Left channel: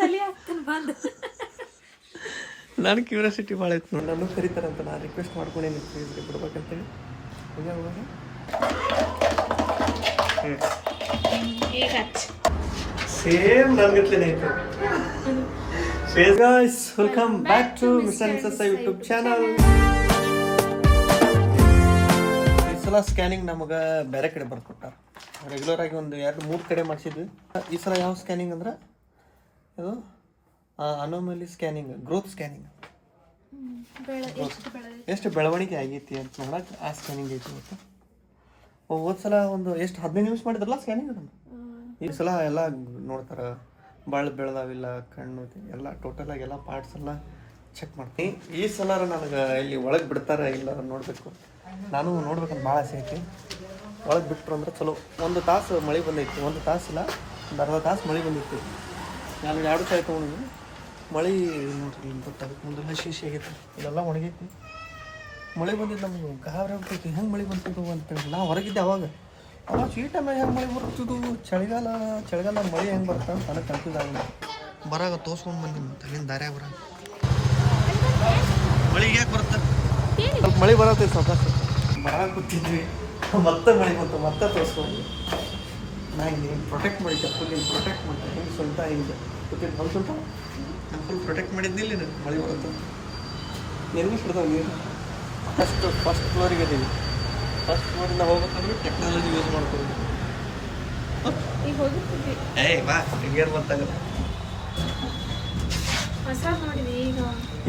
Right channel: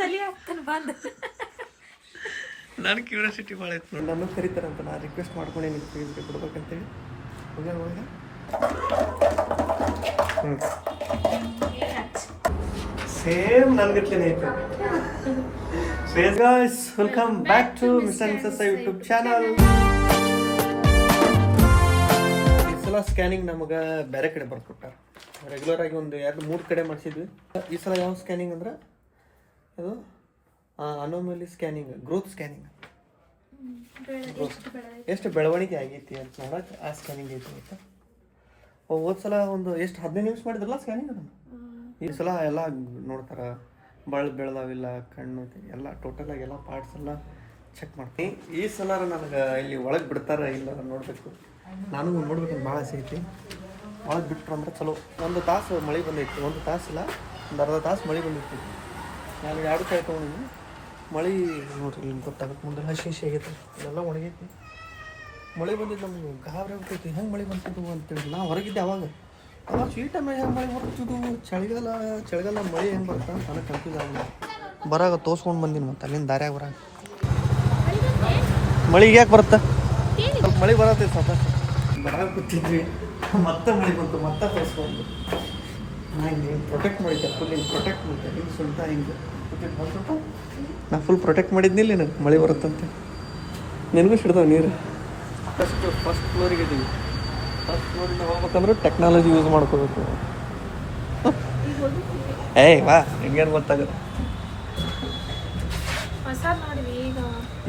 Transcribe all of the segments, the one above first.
ತಲೆ ಆಗ್ತಾನೆ ಬಂದು. ನಾನು ಕ್ಯೂರಿಯಾಸಿಟಿ ಭಾಳ ಇತ್ತು. ನಾನು ಕರೀತಾರಂತ ನಾನು ರಿಕ್ವೆಸ್ಟ್ ಮಾಡ್ಕೊಂಡೇನಿ ನಿಮ್ಗೆ ಬಿಡ್ಬೇಕಂತೇಳಿ ಹೋಗ ಹಚ್ಚ ಸೇಮ್ ನನ್ಗತ್ಲೇನೆ ಐತೆ face guys welcome back to mister missus YouTube channel ಈ ಸಲ ಸ್ಕ್ಯಾನಿಂಗ್ ನಮಗೆ ಬೇರೆ ಕಡೆ ಬರ್ಕೊಟ್ಟಾರ ರೆಗ್ಯುಲರ್ ಆಗಿ ಒಂದು ಎರಡು ಮೂರು ಕಡೆ ಮಾಡಿಸಿದ್ವಿ. ಈ ಸಲ ಯಾವ ಸ್ಕ್ಯಾನಿಂಗ್ ಅಂದ್ರೆ ಇದು ಅನೋಮಲಿ ಸ್ಕ್ಯಾನಿಂಗ್ ಗ್ರೋತ್ ಸ್ಕ್ಯಾನಿಂಗ್ ಎಷ್ಟು ಬೆಳವಣಿಗೆ ಆಗೈತಿ ಅಂತ ನೋಡಕ್ಕೆ ಆ ಸ್ಕ್ಯಾನಿಂಗ್ ಐತಿ ಗೊತ್ತಾ ಹೋದ್ ಸಲ ಒಂದು ಎಷ್ಟು ಹದಿನೈದು ನಿಮಿಷ ಮಾಡಿದ್ರಲ್ಲ ಸ್ಕ್ಯಾನಿಂಗ್ ಅದನ್ನು? ಈ ಸಲ ಎಲ್ಲ ನೋಡ್ತಾರ ಭಾಳ ಬೆಳೆದಾವಿಲ್ಲ ಕಣ್ಣು ಎಲ್ಲ ಟೋಟಲ್ ಆಗಿ ಎಲ್ಲ ಪಾರ್ಟ್ಸ್ ಎಲ್ಲ ಚೆಕ್ ಮಾಡ್ತೀನಿ. ಈ ಸಲ ನನಗೆ ಇಲ್ಲಿ ಒಳಗೆ ಬಿಡ್ತಾರ ಇಲ್ಲ ನೋಡಬೇಕು. ನಾನು ನೋಡ್ಬೇಕಂತ ಭಾಳ ಆಸೆ ಐತಿ. ಒಳಗೆ ಬಿಟ್ರು ಅಂದ್ರೆ ಚಲೋ. ಒಂದು ತಾಸು ಮಳೆ ಬಂದೈತಿ ಒಂದು ತಾಸಿಲ್ಲ ಒಂದು ಅರ್ಧ ತಾಸು ಮಳೆ ಬಂದೈತಿ. ನಾನು ಎರಡು ಕಾಯಿ ತೊಗೊಂಡಿದ್ದೀನಿ ಮಳೆ ನೋಡ್ರಿ ಇಲ್ಲಿ ಗೊತ್ತಾಗುತ್ತೆ ಮುಂದೆ ಹಸಿ ಹಸಿ ಆಗೈತೆ. ಇಲ್ಲೆಲ್ಲ ಒಣಗೈತಿ. ಮಳೆ ಬಂದಿದ್ದು ನಮ್ಗೆ ಗಾಬರಿ ಆಗ್ತೈತಿ ಹೆಂಗೆ ಮಳೆ ಬಂತಿದ್ದು ಅಂತೇಳಿ ನಾ ಹೊರಗಿದ್ದೆ ಅವಾಗ. ಅವಾಗ ಸ್ವೀಟ್ ಟೈಮ್ ಹೆಂಗೆ ಮಳೆ ಬರ್ತಿದ್ದು ಚಳಿಗಾಲ ಚಳಿಗಾಲ ಮಳೆ ಹೆಂಗೆ ಬರ್ತಾ ಅಂತ ನನಗೆ ಕನ್ಫ್ಯೂಸ್ ಆಗ್ಬಿಟ್ಟು ಬರಾಗ ತೋರ್ಸ್ಕೊಂಡು ಬಂದಿನಿ ಮತ್ತೆ ಅಲ್ಲಿಂದ ದಾರ್ಯಾಗ ಬರ ಮಳೆ ಯಾಕೆ ಬರುತ್ತೆ? ಮಳೆ ಬರತ್ತೈತೆ ಸ್ವಲ್ಪ. ಬರಾಗ ಕೂತಿದ್ವಿ. ಮತ್ತೆ ಮಳೆ ಬಂತು, ಮತ್ತೆ ತೋರಿಸ್ಕೊಂಡು ನಾ ಹಿಂಗೆ ಪ್ರೊಟೆಕ್ಟ್ ಮಾಡಿದ್ದೆ ಫುಲ್ ಹಿಂಗೆ ಪ್ರೊಟೆಕ್ಟ್ ಮಾಡಿದ್ದೆ. ಹಿಂಗೆ ಸ್ವಲ್ಪ ಹಿಂಗೆ ಗೊತ್ತಿಲ್ಲ. ಹೊಲ್ ಸ್ವಲ್ಪ ನಾನು ಫುಲ್ ಪ್ರೊಟೆಕ್ಟ್ ಮಾಡಿದ್ನಿಲ್ಲ ನನಗೆ ಮಳೆ ಬರುತ್ತಂತೆ. ನಿನಗೂ ಸಿಡ್ದವು ನೀರು? ಫಸ್ಟ್ ಫಸ್ಟ್ ಫ್ಲೋರಿಗೆ ಇದೀವಿ. ಫಸ್ಟ್ ಫ್ಲೋರಿಂದ ಹೋಗ್ಬೇಕಂದ್ರೆ ಟೆಕ್ನಾಲಜಿ ಯೂಸ್ ಮಾಡ್ಕೋಬೇಕು. ಏ ಬಾ ನಿಂಗೇನು ಗೊತ್ತಾಗಲ್ಲ. ಈಗ.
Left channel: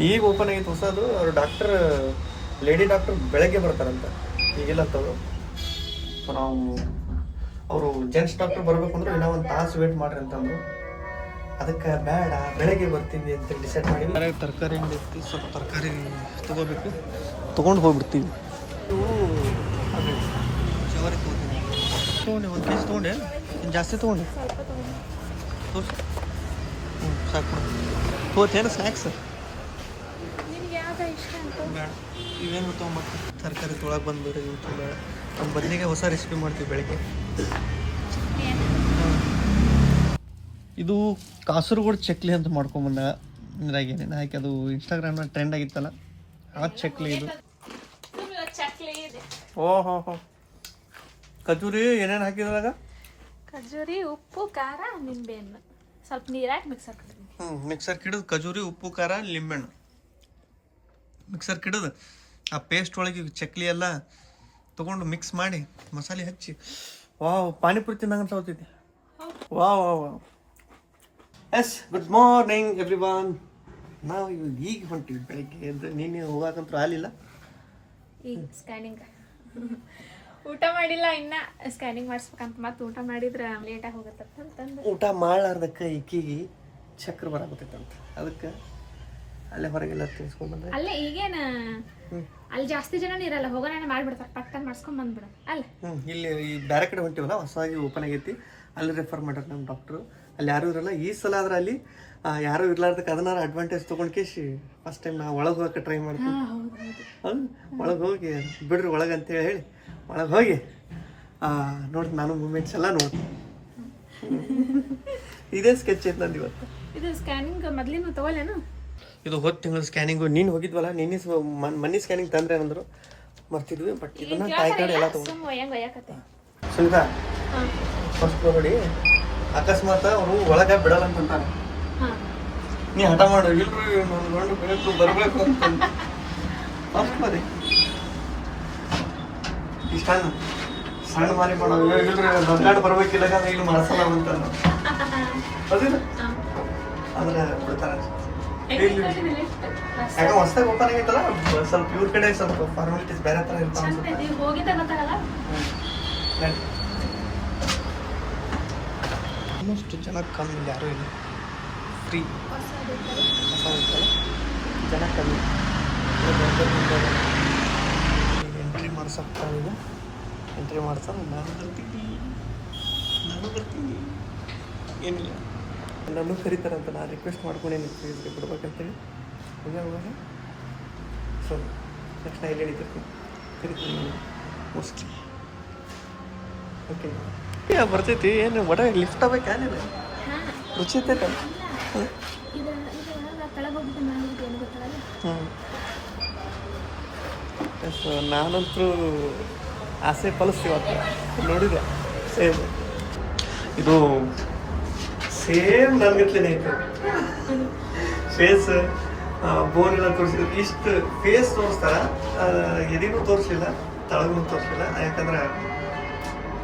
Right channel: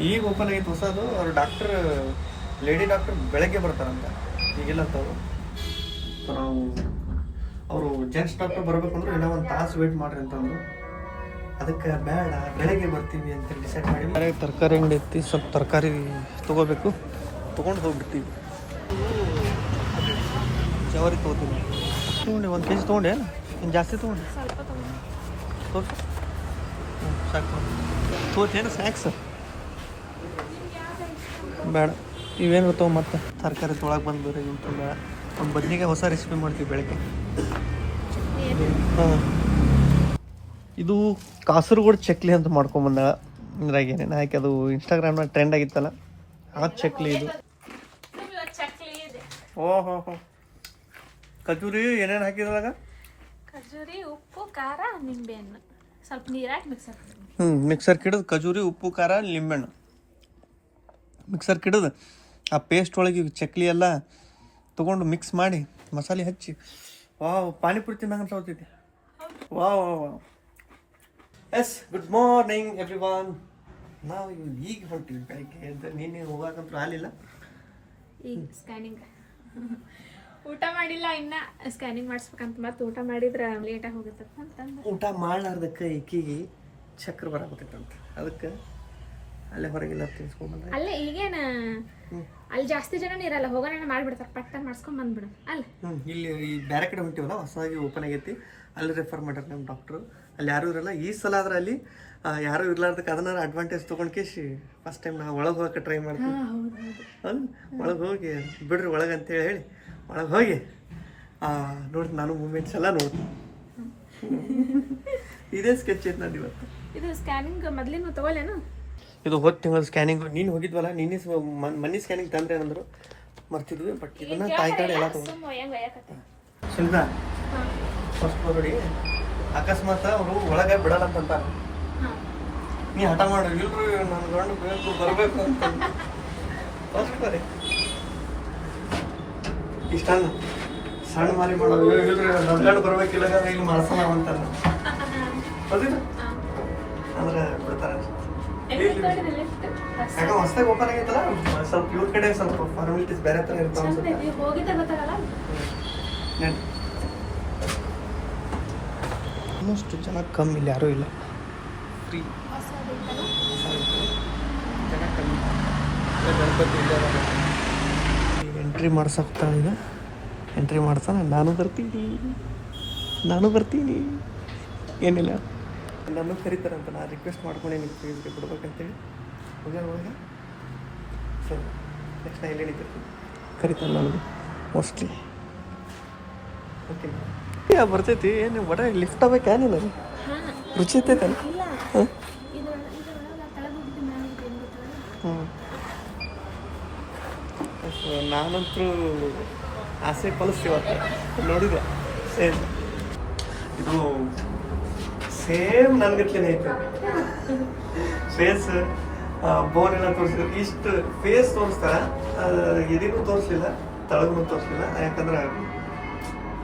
ಈಗ ಓಪನ್ ಆಗೈತೆ ಹೊಸದು. ಅವ್ರು ಡಾಕ್ಟರ್ ಲೇಡಿ ಡಾಕ್ಟರ್ ಬೆಳಗ್ಗೆ ಬರ್ತಾರಂತೆ. ಈಗಿಲ್ಲ ತಗೋ. ಸೊ ನಾವು ಅವರು ಜೆಂಟ್ಸ್ ಡಾಕ್ಟರ್ ಅಂದ್ರೆ ಇನ್ನೂ ಒಂದು ತಾಸು ವೇಟ್ ಮಾಡ್ರಿ ಅಂತಂದ್ರು. ಅದಕ್ಕೆ ಬೇಡ, ಬೆಳಗ್ಗೆ ಬರ್ತೀವಿ ಅಂತ ಡಿಸೈಡ್ ಮಾಡಿ ತರಕಾರಿ ಅಂಗಡಿ ಐತಿ, ಸ್ವಲ್ಪ ತರಕಾರಿ ತೊಗೋಬೇಕು. ತೊಗೊಂಡು ಹೋಗ್ಬಿಡ್ತೀವಿ ಅದೇ, ಜವಾರಿ ತೊಗೋತೀನಿ. ತೊಗೊಂಡೆ, ಒಂದು ಕೆ ಜಿ ತೊಗೊಂಡೆ, ಏನು? ಜಾಸ್ತಿ ತೊಗೊಂಡೆ? ತಗೊಂಡು ಹ್ಞೂ ಸಾಕು ತೋತೇನು ಸ್ನ್ಯಾಕ್ಸ್ ಸರ್? ಬೇಡ. ಇವೇನು ಬರ್ತಾವ ಮತ್ತೆ. ತರಕಾರಿ ತೊಳಗೆ ಬಂದು ಬೇರೆ ಇವು ತುಂಬ ಒಂದು ಬದ್ನಿಗೆ ಹೊಸ ರೆಸಿಪಿ ಮಾಡ್ತೀವಿ ಬೆಳಗ್ಗೆ. ಹಾಂ. ಇದು ಕಾಸರಗೋಡು ಚಕ್ಲಿ ಅಂತ ಮಾಡ್ಕೊಂಬಂದ ಅಂದ್ರಾಗೇನೆ ಯಾಕೆ ಅದು ಇನ್ಸ್ಟಾಗ್ರಾಮ್ನಾಗ ಟ್ರೆಂಡ್ ಆಗಿತ್ತಲ್ಲ ಆ ಚಕ್ಲಿ ಇದು. ಓ ಹೋ ಹೋ. ಖಜೂರಿ ಏನೇನು ಹಾಕಿದ್ರಾಗ ಖಜೂರಿ ಉಪ್ಪು ಖಾರ ನಿಂಬೆಹಣ್ಣು ಸ್ವಲ್ಪ ನೀರಾಗಿ ಮಿಕ್ಸ್ ಹಾಕ್ತೀನಿ ಹ್ಞೂ ಮಿಕ್ಸರ್ ಕಿಡಿದು ಖಜೂರಿ ಉಪ್ಪು ಖಾರ ಲಿಂಬೆಹಣ್ಣು ಮಿಕ್ಸರ್ ಕಿಡಿದು ಆ ಪೇಸ್ಟ್ ಒಳಗೆ ಚಕ್ಲಿ ಎಲ್ಲ ತೊಗೊಂಡು ಮಿಕ್ಸ್ ಮಾಡಿ ಮಸಾಲೆ ಹಚ್ಚಿ. ವಾವ್ ಪಾನಿಪುರಿ ತಿನ್ನಂಗಂತ ತಗೋತೈತಿ wow wow wow. Yes good morning everyone ನಾವು ಈಗ ಹೊಂಟಿವಿ ಬೆಳಿಗ್ಗೆ. ಎದ್ದು ನಿನ್ನೆ ಹೋಗಾಕಂತೂ ಆಗಲಿಲ್ಲ. ಈಗ ಸ್ಕ್ಯಾನಿಂಗ್ ಊಟ ಮಾಡಿಲ್ಲ ಇನ್ನ ಸ್ಕ್ಯಾನಿಂಗ್ ಮಾಡಿಸ್ಬೇಕಂತ ಮತ್ತೆ ಊಟ ಮಾಡಿದ್ರೆ ಲೇಟಾಗಿ ಹೋಗತ್ತಂತ ಅಂತಂದು ಊಟ ಮಾಡ್ಲಾರ್ದಕ್ಕೆ ಈಕಿಗೆ ಚಕ್ರ ಬರಾಕತ್ತೈತಂತ. ಅದಕ್ಕೆ ಅಲ್ಲೇ ಹೊರಗೆಲ್ಲ ತಿನ್ಸ್ಕೊಂಡ್ಬಂದೆ ಅಲ್ಲೇ ಈಗೇನ? ಅಲ್ಲಿ ಜಾಸ್ತಿ ಜನ ಇರಲ್ಲ ಹೋಗೋಣ ಮಾಡ್ಬಿಡ್ತಾರೆ ಪಟ್ಟನ್ ಮಾಡಿಸ್ಕೊಂಡ್ ಬಂದ್ಬಿಡು ಅಲ್ಲ. ಹ್ಞೂ ಇಲ್ಲಿ ಈ ಬೇರೆ ಕಡೆ ಹೊಂಟಿವಲ್ಲ ಹೊಸದಾಗಿ ಓಪನ್ ಆಗೈತಿ. ಅಲ್ಲಿ ರೆಫರ್ ಮಾಡ್ಯಾರ ನಮ್ಮ ಡಾಕ್ಟ್ರು ಅಲ್ಲಿ ಯಾರೂ ಇರಲ್ಲ. ಈ ಸಲ ಆದ್ರೆ ಅಲ್ಲಿ ಯಾರು ಇರ್ಲಾರ್ದಕ್ಕೆ ಅದನ್ನ ಅಡ್ವಾಂಟೇಜ್ ತೊಗೊಂಡು ಕೇಶಿ ಫಸ್ಟ್ ಟೈಮ್ ನಾವು ಒಳಗೆ ಹೋಗಕ್ಕೆ ಟ್ರೈ ಮಾಡ್ತೀವಿ ಒಳಗೆ ಹೋಗಿ ಬಿಡ್ರಿ ಒಳಗೆ ಅಂತೇಳಿ ಹೇಳಿ. ಒಳಗೆ ಹೋಗಿ ನೋಡಿ ನಾನು ಮೂಮೆಂಟ್ಸ್ ಎಲ್ಲ ನೋಡ್ತೀನಿ. ಇದೇ ಸ್ಕೆಚ್ ಇತ್ತು ನಂದು ಇವತ್ತು ಇದು ಸ್ಕ್ಯಾನಿಂಗ್ ಮೊದ್ಲಿನ ತಗೊಳ್ಳೇನು? ಇದು ಹೋದ ತಿಂಗಳ ಸ್ಕ್ಯಾನಿಂಗು ನೀನು ಹೋಗಿದ್ವಲ್ಲ ನಿನ್ನೆ ಮನಿ ಸ್ಕ್ಯಾನಿಂಗ್ ತಂದ್ರೆ ಏನಂದ್ರು? ಮರ್ತಿದ್ವಿ ಬಟ್ ಇದನ್ನ ತಾಯಿ ಕಾರ್ಡ್ ಎಲ್ಲ ತಗೊಂಡು ಸುಲ್ಕಾ ಫಸ್ಟ್ ನೋಡಿ. ಅಕಸ್ಮಾತ್ ಅವರು ಒಳಗೆ ಬಿಡಲ್ಲ ಅಂತ ಅಂತಾರ ನೀ ಹಠ ಮಾಡ್ರಿ ಇಲ್ರಿ ನಾನು ಗಂಡು ಬೇಕು ಬರಬೇಕು ಅಂತ. ಫಸ್ಟ್ ಇಷ್ಟ ಸಣ್ಣ ಮಾರಿ ಮಾಡೋದು ಇಲ್ರಿ ನನ್ನ ಗಂಡು ಬರಬೇಕಿಲ್ಲ ಇಲ್ಲಿ ಮನಸ್ಸಲ್ಲ ಅಂತ ಹೌದಿಲ್ಲ ಅಂದ್ರೆ ಬಿಡ್ತಾರ ಯಾಕೆ ಹೊಸದಾಗಿ ಓಪನ್ ಆಗೈತಲ್ಲ ಸ್ವಲ್ಪ ಇವ್ರ ಕಡೆ ಸ್ವಲ್ಪ ಫಾರ್ಮಾಲಿಟೀಸ್ ಬೇರೆ ಥರ ಇರ್ತಾವ ಆಲ್ಮೋಸ್ಟ್ ಜನ ಕಮ್ಮಿ ಇಲ್ಲ ಯಾರೂ ಇಲ್ಲ. ಫ್ರೀ ಹೊಸ ಐತಲ್ಲ ಜನ ಕಮ್ಮಿ. ಈಗ ಎಂಟ್ರಿ ಮಾಡ್ಸಕ್ತಾನೆ ಎಂಟ್ರಿ ಮಾಡ್ತಾನೆ ನಾನು ಬರ್ತೀನಿ. ನಾನು ಬರ್ತೀನಿ. ಏನಿಲ್ಲ. ನಾನು ಕರೀತಾರಂತ ನಾನು ರಿಕ್ವೆಸ್ಟ್ ಮಾಡ್ಕೊಂಡೇನಿ ಪ್ಲೀಸ್ಗೆ ಬಿಡ್ಬೇಕಂತೇಳಿ ಹೋಗ ಹೋಗ ಸೊ ನೆಕ್ಸ್ಟ್ ನಾ ಎಲ್ಲಿ ಹೇಳಿದ್ದೆ ಕರಿತೀನಿ ನನಗೆ ಮೋಸ್ಟ್ಲಿ ಓಕೆ ಯಾ ಬರ್ತೈತಿ ಏನು ಒಡ ಲಿಫ್ಟ್ ಆಗ್ಬೇಕಾ ನೀನು ಹಾ ರುಚಿ ಹ್ಞೂ ಸೊ ನಾನಂತರೂ ಆಸೆ ಫಲಿಸ್ತೀವತ್ತು ನೋಡಿದೆ. ಸೇಮ್ ಇದು ಸೇಮ್ ನನಗತ್ಲೇನೆ ಐತೆ ಫೇಸ್ ಬೋನ್ ಎಲ್ಲ ತೋರಿಸಿದ್ರು. ಇಷ್ಟು ಫೇಸ್ ತೋರಿಸ್ತಾರ ಎದಿಗೂ ತೋರಿಸಲಿಲ್ಲ ತಳಗೂ ತೋರಿಸಲಿಲ್ಲ ಯಾಕಂದ್ರೆ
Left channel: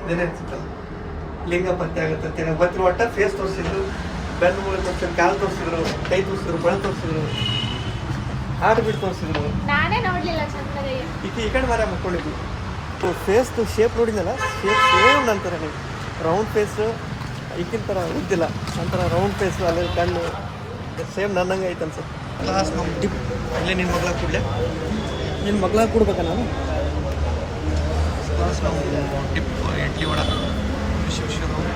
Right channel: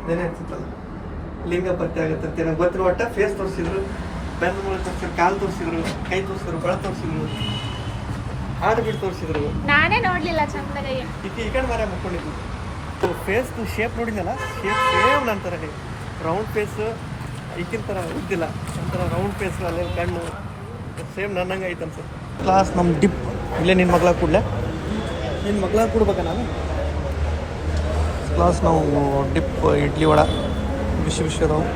ನೆನೆ ಇರ್ತಿತ್ತಲ್ಲ ಲಿಂಗ ಪತ್ತೆ ಆಗುತ್ತೆ ಅಂತ ಹೇಳಿ ಗೊತ್ತಿರೋ ಒಟ್ಟ ಫೇಸ್ ತೋರಿಸಿದ್ರು. ಗಂಡು ಮೂಲ ತೋರಿಸಿದ್ರು ಕಾಲು ತೋರಿಸಿದ್ರು ಕೈ ತೋರಿಸಿದ್ರು ಬಳ ತೋರಿಸಿದ್ರು. ಹಾಡು ಬಿಟ್ಟು ತೋರಿಸಿದ್ರು. ಈ ಕಡೆ ಮರ ಫೇಸ್ ಫೇಸ್ದು ಶೇಪ್ ನೋಡಿದ್ನಲ್ಲ ಶೇಪ್ ಸೇಮ್ ನಂತರ ನೀವು ರೌಂಡ್ ಫೇಸ್ ಈಗಿನ ಥರ ಉದ್ದಿಲ್ಲ. ಒಂಥರ ರೌಂಡ್ ಫೇಸ್ ಅಲ್ಲಿ ಕಣ್ಣು ಸೇಮ್ ನನ್ನಂಗೆ ಐತೆ ಅನ್ಸುತ್ತೆ. ಕ್ಲಾಸ್ ನಮ್ಮ ಡಿಪ್ ಇಲ್ಲೇ ನಿನ್ನ ಮಗಳ ಕೂಡಲೇ? ನಿನ್ನ ಮಗಳ ಕೊಡ್ಬೇಕಾ ನಾನು? ಕ್ಲಾಸ್ ನಾವು ಡಿಪ್ ಇಡ್ಲಿ ವಡ ಬಿಸಿ ಬಿಸಿ ಅದಾವು.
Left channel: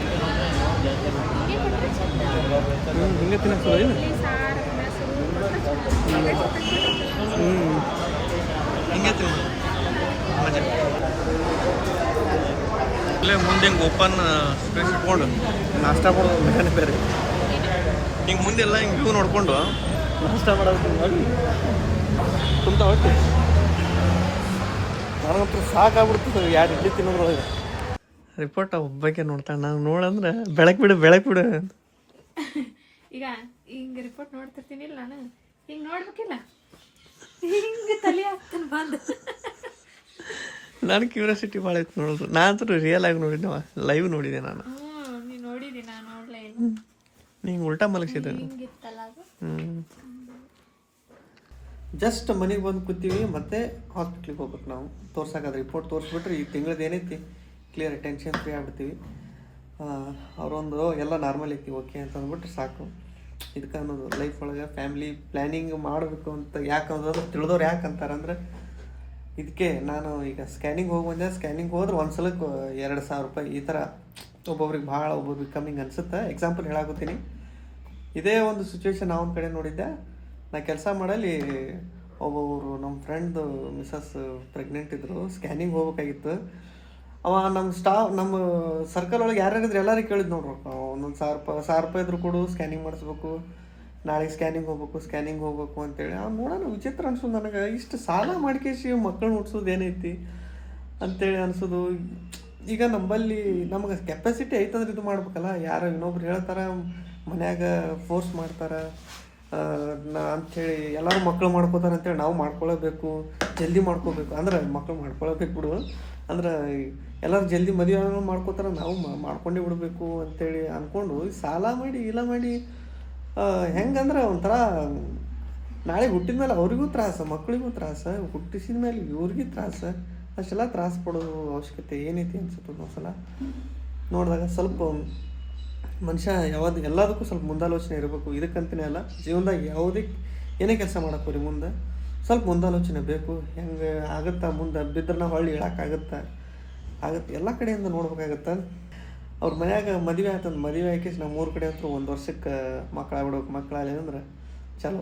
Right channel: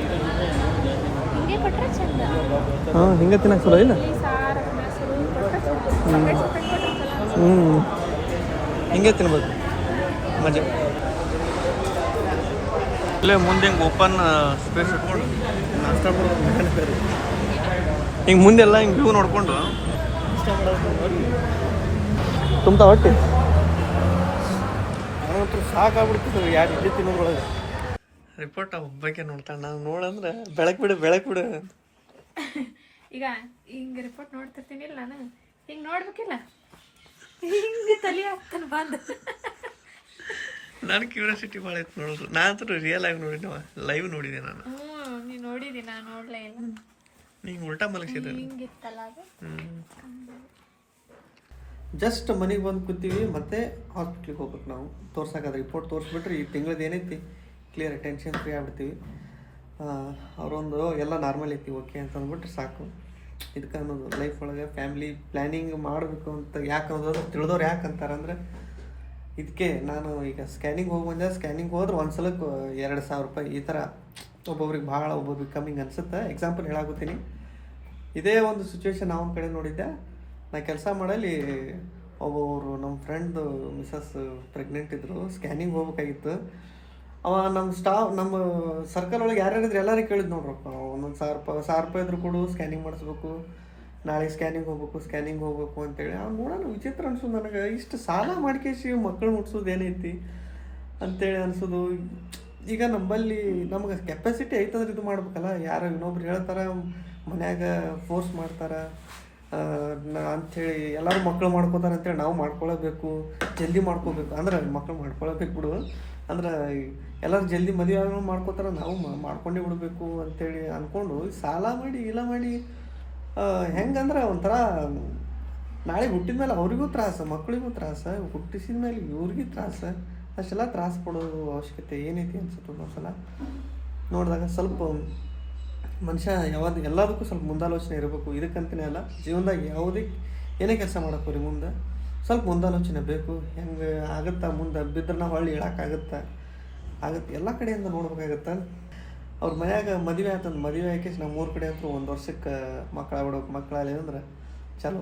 ಹಾಂ ಹಿಂಗೆ ತಿನ್ನಕ್ಕೆ ಚಲೋ ಇಲ್ಲ ಹ್ಞೂ ಹಿಂಗೆ ತಿನ್ಬೋದು ಮಜಾ. ಇಲ್ಲೇ ಮುಂದೆ ಹಿಂಗೆ ಓಪನ್ ಸ್ಪೇಸ್ ಇಟ್ಕೊಂಡು. ನಾಷ್ಟ ಮಾಡೋದು ಮೇಲೆ ಬೇರೆ. ಹಿಂಗೆ ಮುಂದೆಲ್ಲ ಹಿಂಗೆ ವ್ಯೂ ನೋಡ್ಕೊಂಡು. ನಾಷ್ಟ ಮಾಡೋದು ನೋಡಿ ತುಂಬ ಹೊಟ್ಟೆ ನನಗಂತೂ ಸಾಕಾಗ್ಬಿಡ್ತದೆ ಯಾರು ಇಡ್ಲಿ ತಿನ್ನೋದ್ರೊಳಗೆ. ರಿಪೋರ್ಟ್ ಒಬ್ಬಕ್ಕೆ ನೋಡ್ತಾನೆ. ನಾನು ನೋಡಂದ್ರೆ ಬೆಳಕು ಬಿಡು ಬೆಳಕು ಬಿಡು. ಈಗ ಹಿಂಗೆ ರಿಪೋರ್ಟ್ ನೋಡ್ತಿರ್ತೀನಿ ಇಲ್ಲ ನಾನು. ಹಿಂಗೆ ನೋಡ್ಬೇಕಿಲ್ಲ. ಹಿಂಗೆ ತಲೆ ಹಾಕ್ತಾನೆ ಬಂದು. ನಾನು ಕ್ಯೂರಿಯಾಸಿಟಿ ಭಾಳ ಇತ್ತು ನೋಡೋದು. ನಾನು ರಿಯಲ್ ಆಗಿ ನೋಡಿದ್ದೆ ಲೈವ್ ನೋಡಿದೆ ನಾನು. ನೀವು ನೀನು ನೋಡಿದಿ ನಾನು ನೋಡ್ಲೇ ಇಲ್ಲ. ನಿಂಗೆ ಉಲ್ಟಾ ಅದು? ಜಸ್ಟ್ ಮನೆಗೆ ಬಂದು ಕೂತೀವಿ ಮತ್ತೆ ಹಾಸ್ಪಿಟ್ಲಿಗೆ ಹೋಗ್ಬೇಕು ನಾವು. ತೋರ್ಸಕ್ಕಾದ್ರೆ ರಿಪೋರ್ಟ್ ತೋರಿಸ್ಬಿಟ್ರೆ ಈ ತಿಂಗಳದ್ದು ಏನೈತಿ? ಕ್ಲಿಯರ್ ಟೆನ್ಷನ್ ಫ್ರೀ ಆಗ್ಬಿಡ್ತೀವಿ. ಆ, ಅವರೊಂದು ಎಲ್ಲ ನಾರ್ಮಲ್ ಐತಿ ಓಕೆ ಅಂತ ಅಂದ್ಬಿಟ್ರೆ ಸಾಕು. ಇದಕ್ಕೆ ಅನ್ನೋದು ಲೈಫ್ ಒಳಗೆ ಫ್ಯಾಮಿಲಿ ಪ್ಲ್ಯಾನಿಂಗ್ ಮಾಡಬೇಕು ಅಂತ ಯಾಕೆ ಅನ್ನೋದು ತಿಳಿದವ್ರು ಯಾಕೆ ಅಂತಾರಂದ್ರೆ ಇದಕ್ಕೆ ನಾನು ಈಗ ಸ್ಕ್ಯಾನಿಂಗ್ ಹೋಗಿ ಬಂದೆ. ಸ್ಕ್ಯಾನಿಂಗ್ ಹೋದ್ರೆ ಒಂದು ಸಲಕ್ಕೆ ಎರಡು ಸಾವಿರ ರೂಪಾಯಿ ಈ ಥರ ಒಬ್ಬೊಬ್ರಿಗೆ ಭಾಳ ಒಬ್ಬೊಬ್ರಿಗೆ ಕಮ್ಮಿಂಗ್ ಅನಿಸುತ್ತೆ. ಎಕ್ಸಾಂಪಲ್ ಹೇಳಾಗುತ್ತೀನಿ ಇದೇ ಒಂದು ಸಿಚುವೇಶನ್ ನಾವು ಕಡೆ ನೋಡಿದ್ದೆ. ನಾ ಕೆಲಸ ಮಾಡಲಿ ಒಬ್ಬೊಬ್ರು ನಮ್ಮ ಫ್ರೆಂಡ್ದು ಮಿಸಸ್ ಪ್ರೆಗ್ನೆಂಟ್ ಇದ್ದರು ಸ್ಕ್ಯಾನಿಂಗ್ ಹೋಗ್ಬೇಕಾಗಿತ್ತು. ಅವ ನಮ್ಮ ಸ್ಟಾಫ್ ನಮ್ಮ ಸರ್ಕಲ್ ಒಳಗೆ ಯಾರ್ಯಾರಿದ್ರು ಎಲ್ಲರಿಗೆ ಕೇಳಿದ್ ನೋಡ್ರಿ ಒಂದೊಂದು ಸಾವಿರ ರೂಪಾಯಿ ಸಾವಿರ ರೂಪಾಯಿ ಇದ್ರು ಕೊಡು ಸ್ಕ್ಯಾನಿಂಗ್ ಮಾಡಿಸ್ಬೇಕು. ನಾಳೆ ಸ್ಕ್ಯಾನಿಂಗ್ ಹೋಗ್ಬೇಕು ಸ್ಕ್ಯಾನಿಂಗ್ ಹೋಗ್ಬೇಕು ಅಂತೇಳಿ. ಅವ್ನು ನೋಡೋಣ, ವಿಚಿತ್ರ ಅನ್ಸೋದು ನನಗೆ. ಇಷ್ಟು ಸಾಲ ಮಾಡ್ಕೇಶಿ ಮಕ್ಕಳು ಮುಟ್ಸೋದು ಏನೈತಿ ಅಂತೇಳಿ ಅನ್ಸೋದು. ಈಗ ನಂಬಲ್ಲಿ ನಮ್ಗೆ ಕೆಪಾಸಿಟಿ ಐತಂದ್ರೆ ಇದು ಮಾಡ್ಬೇಕಲ್ಲ. ಯಾರು ಇನ್ನೊಬ್ರು ಹೇಳ್ತಾರೆ, ಮನ್ಯಾಗ ಫೋರ್ಸ್ ಮಾಡ್ತಾರೆ. ಅಂಥೇಳಿ ಎಲ್ಲರೂ ಮಕ್ಕಳು ಮಾಡ್ಕೋತಾರೆ ಅಂತೇಳಿ ನಾವು ಮಾಡ್ಕೊಳ್ಳೇಬೇಕು ಜಲ್ದಿ ಮಾಡ್ಕೋಬೇಕು. ಅಂದ್ರೆ ಮಕ್ಕಳು ಮಾಡ್ಕೊಳ್ಳೇಬೇಕು ಬಿಡು. ಅಂದ್ರೆ ಎಲ್ಲರೂ ಜಲ್ದಿ ಮದುವೆ ಮಾಡ್ಕೋತಾರೆ, ನಾವು ಮಾಡ್ಕೊಂಡೇ ಬಿಡಬೇಕು ಅಂತೇಳಿ ಅಂದ್ಕೊಂಡು ಸಾಲ ಮಾಡಿ, ಇಲ್ಲ ಮಾಡಿ ಹೆಂಗಂದ್ರೆ ಒಂಥರ ನಾಳೆ ಹುಟ್ಟಿದ ಮೇಲೆ ಅವ್ರಿಗೂ ತ್ರಾಸ, ಮಕ್ಕಳಿಗೂ ತ್ರಾಸ, ಹುಟ್ಟಿಸಿದ ಮೇಲೆ ಇವ್ರಿಗೆ ತ್ರಾಸ. ಅಷ್ಟೆಲ್ಲ ತ್ರಾಸ ಪಡೋ ಅವಶ್ಯಕತೆ ಏನೈತಿ ಅನ್ಸುತ್ತೆ ಒಂದೊಂದು ಸಲ ನೋಡಿದಾಗ ಸ್ವಲ್ಪ ಮನುಷ್ಯ ಯಾವ್ದು, ಎಲ್ಲದಕ್ಕೂ ಸ್ವಲ್ಪ ಮುಂದಾಲೋಚನೆ ಇರಬೇಕು. ಇದಕ್ಕಂತನೇ ಅಲ್ಲ, ಜೀವನದಾಗ ಯಾವುದೇ ಏನೇ ಕೆಲಸ ಮಾಡಕ್ಕೆ ಮುಂದೆ ಸ್ವಲ್ಪ ಮುಂದಾಲೋಚನೆ ಬೇಕು. ಹೆಂಗೆ ಆಗುತ್ತಾ ಮುಂದೆ ಬಿದ್ದರೆ ನಾವು ಹೊಳ್ಳಿ ಇಳಕ್ಕಾಗತ್ತೆ ಆಗುತ್ತೆ, ಎಲ್ಲ ಕಡೆಯಿಂದ ನೋಡ್ಬೇಕಾಗತ್ತೆ? ಅವ್ರ ಮನ್ಯಾಗ ಮದುವೆ ಆತಂದು ಮದುವೆ ಆಕಿ ನಮ್ಮ ಊರ ಕಡೆ ಅಂತೂ ಒಂದು ವರ್ಷಕ್ಕೆ ಮಕ್ಕಳು ಮಕ್ಕಳಾಗಲಿ ಅಂದ್ರೆ ಚಲೋ.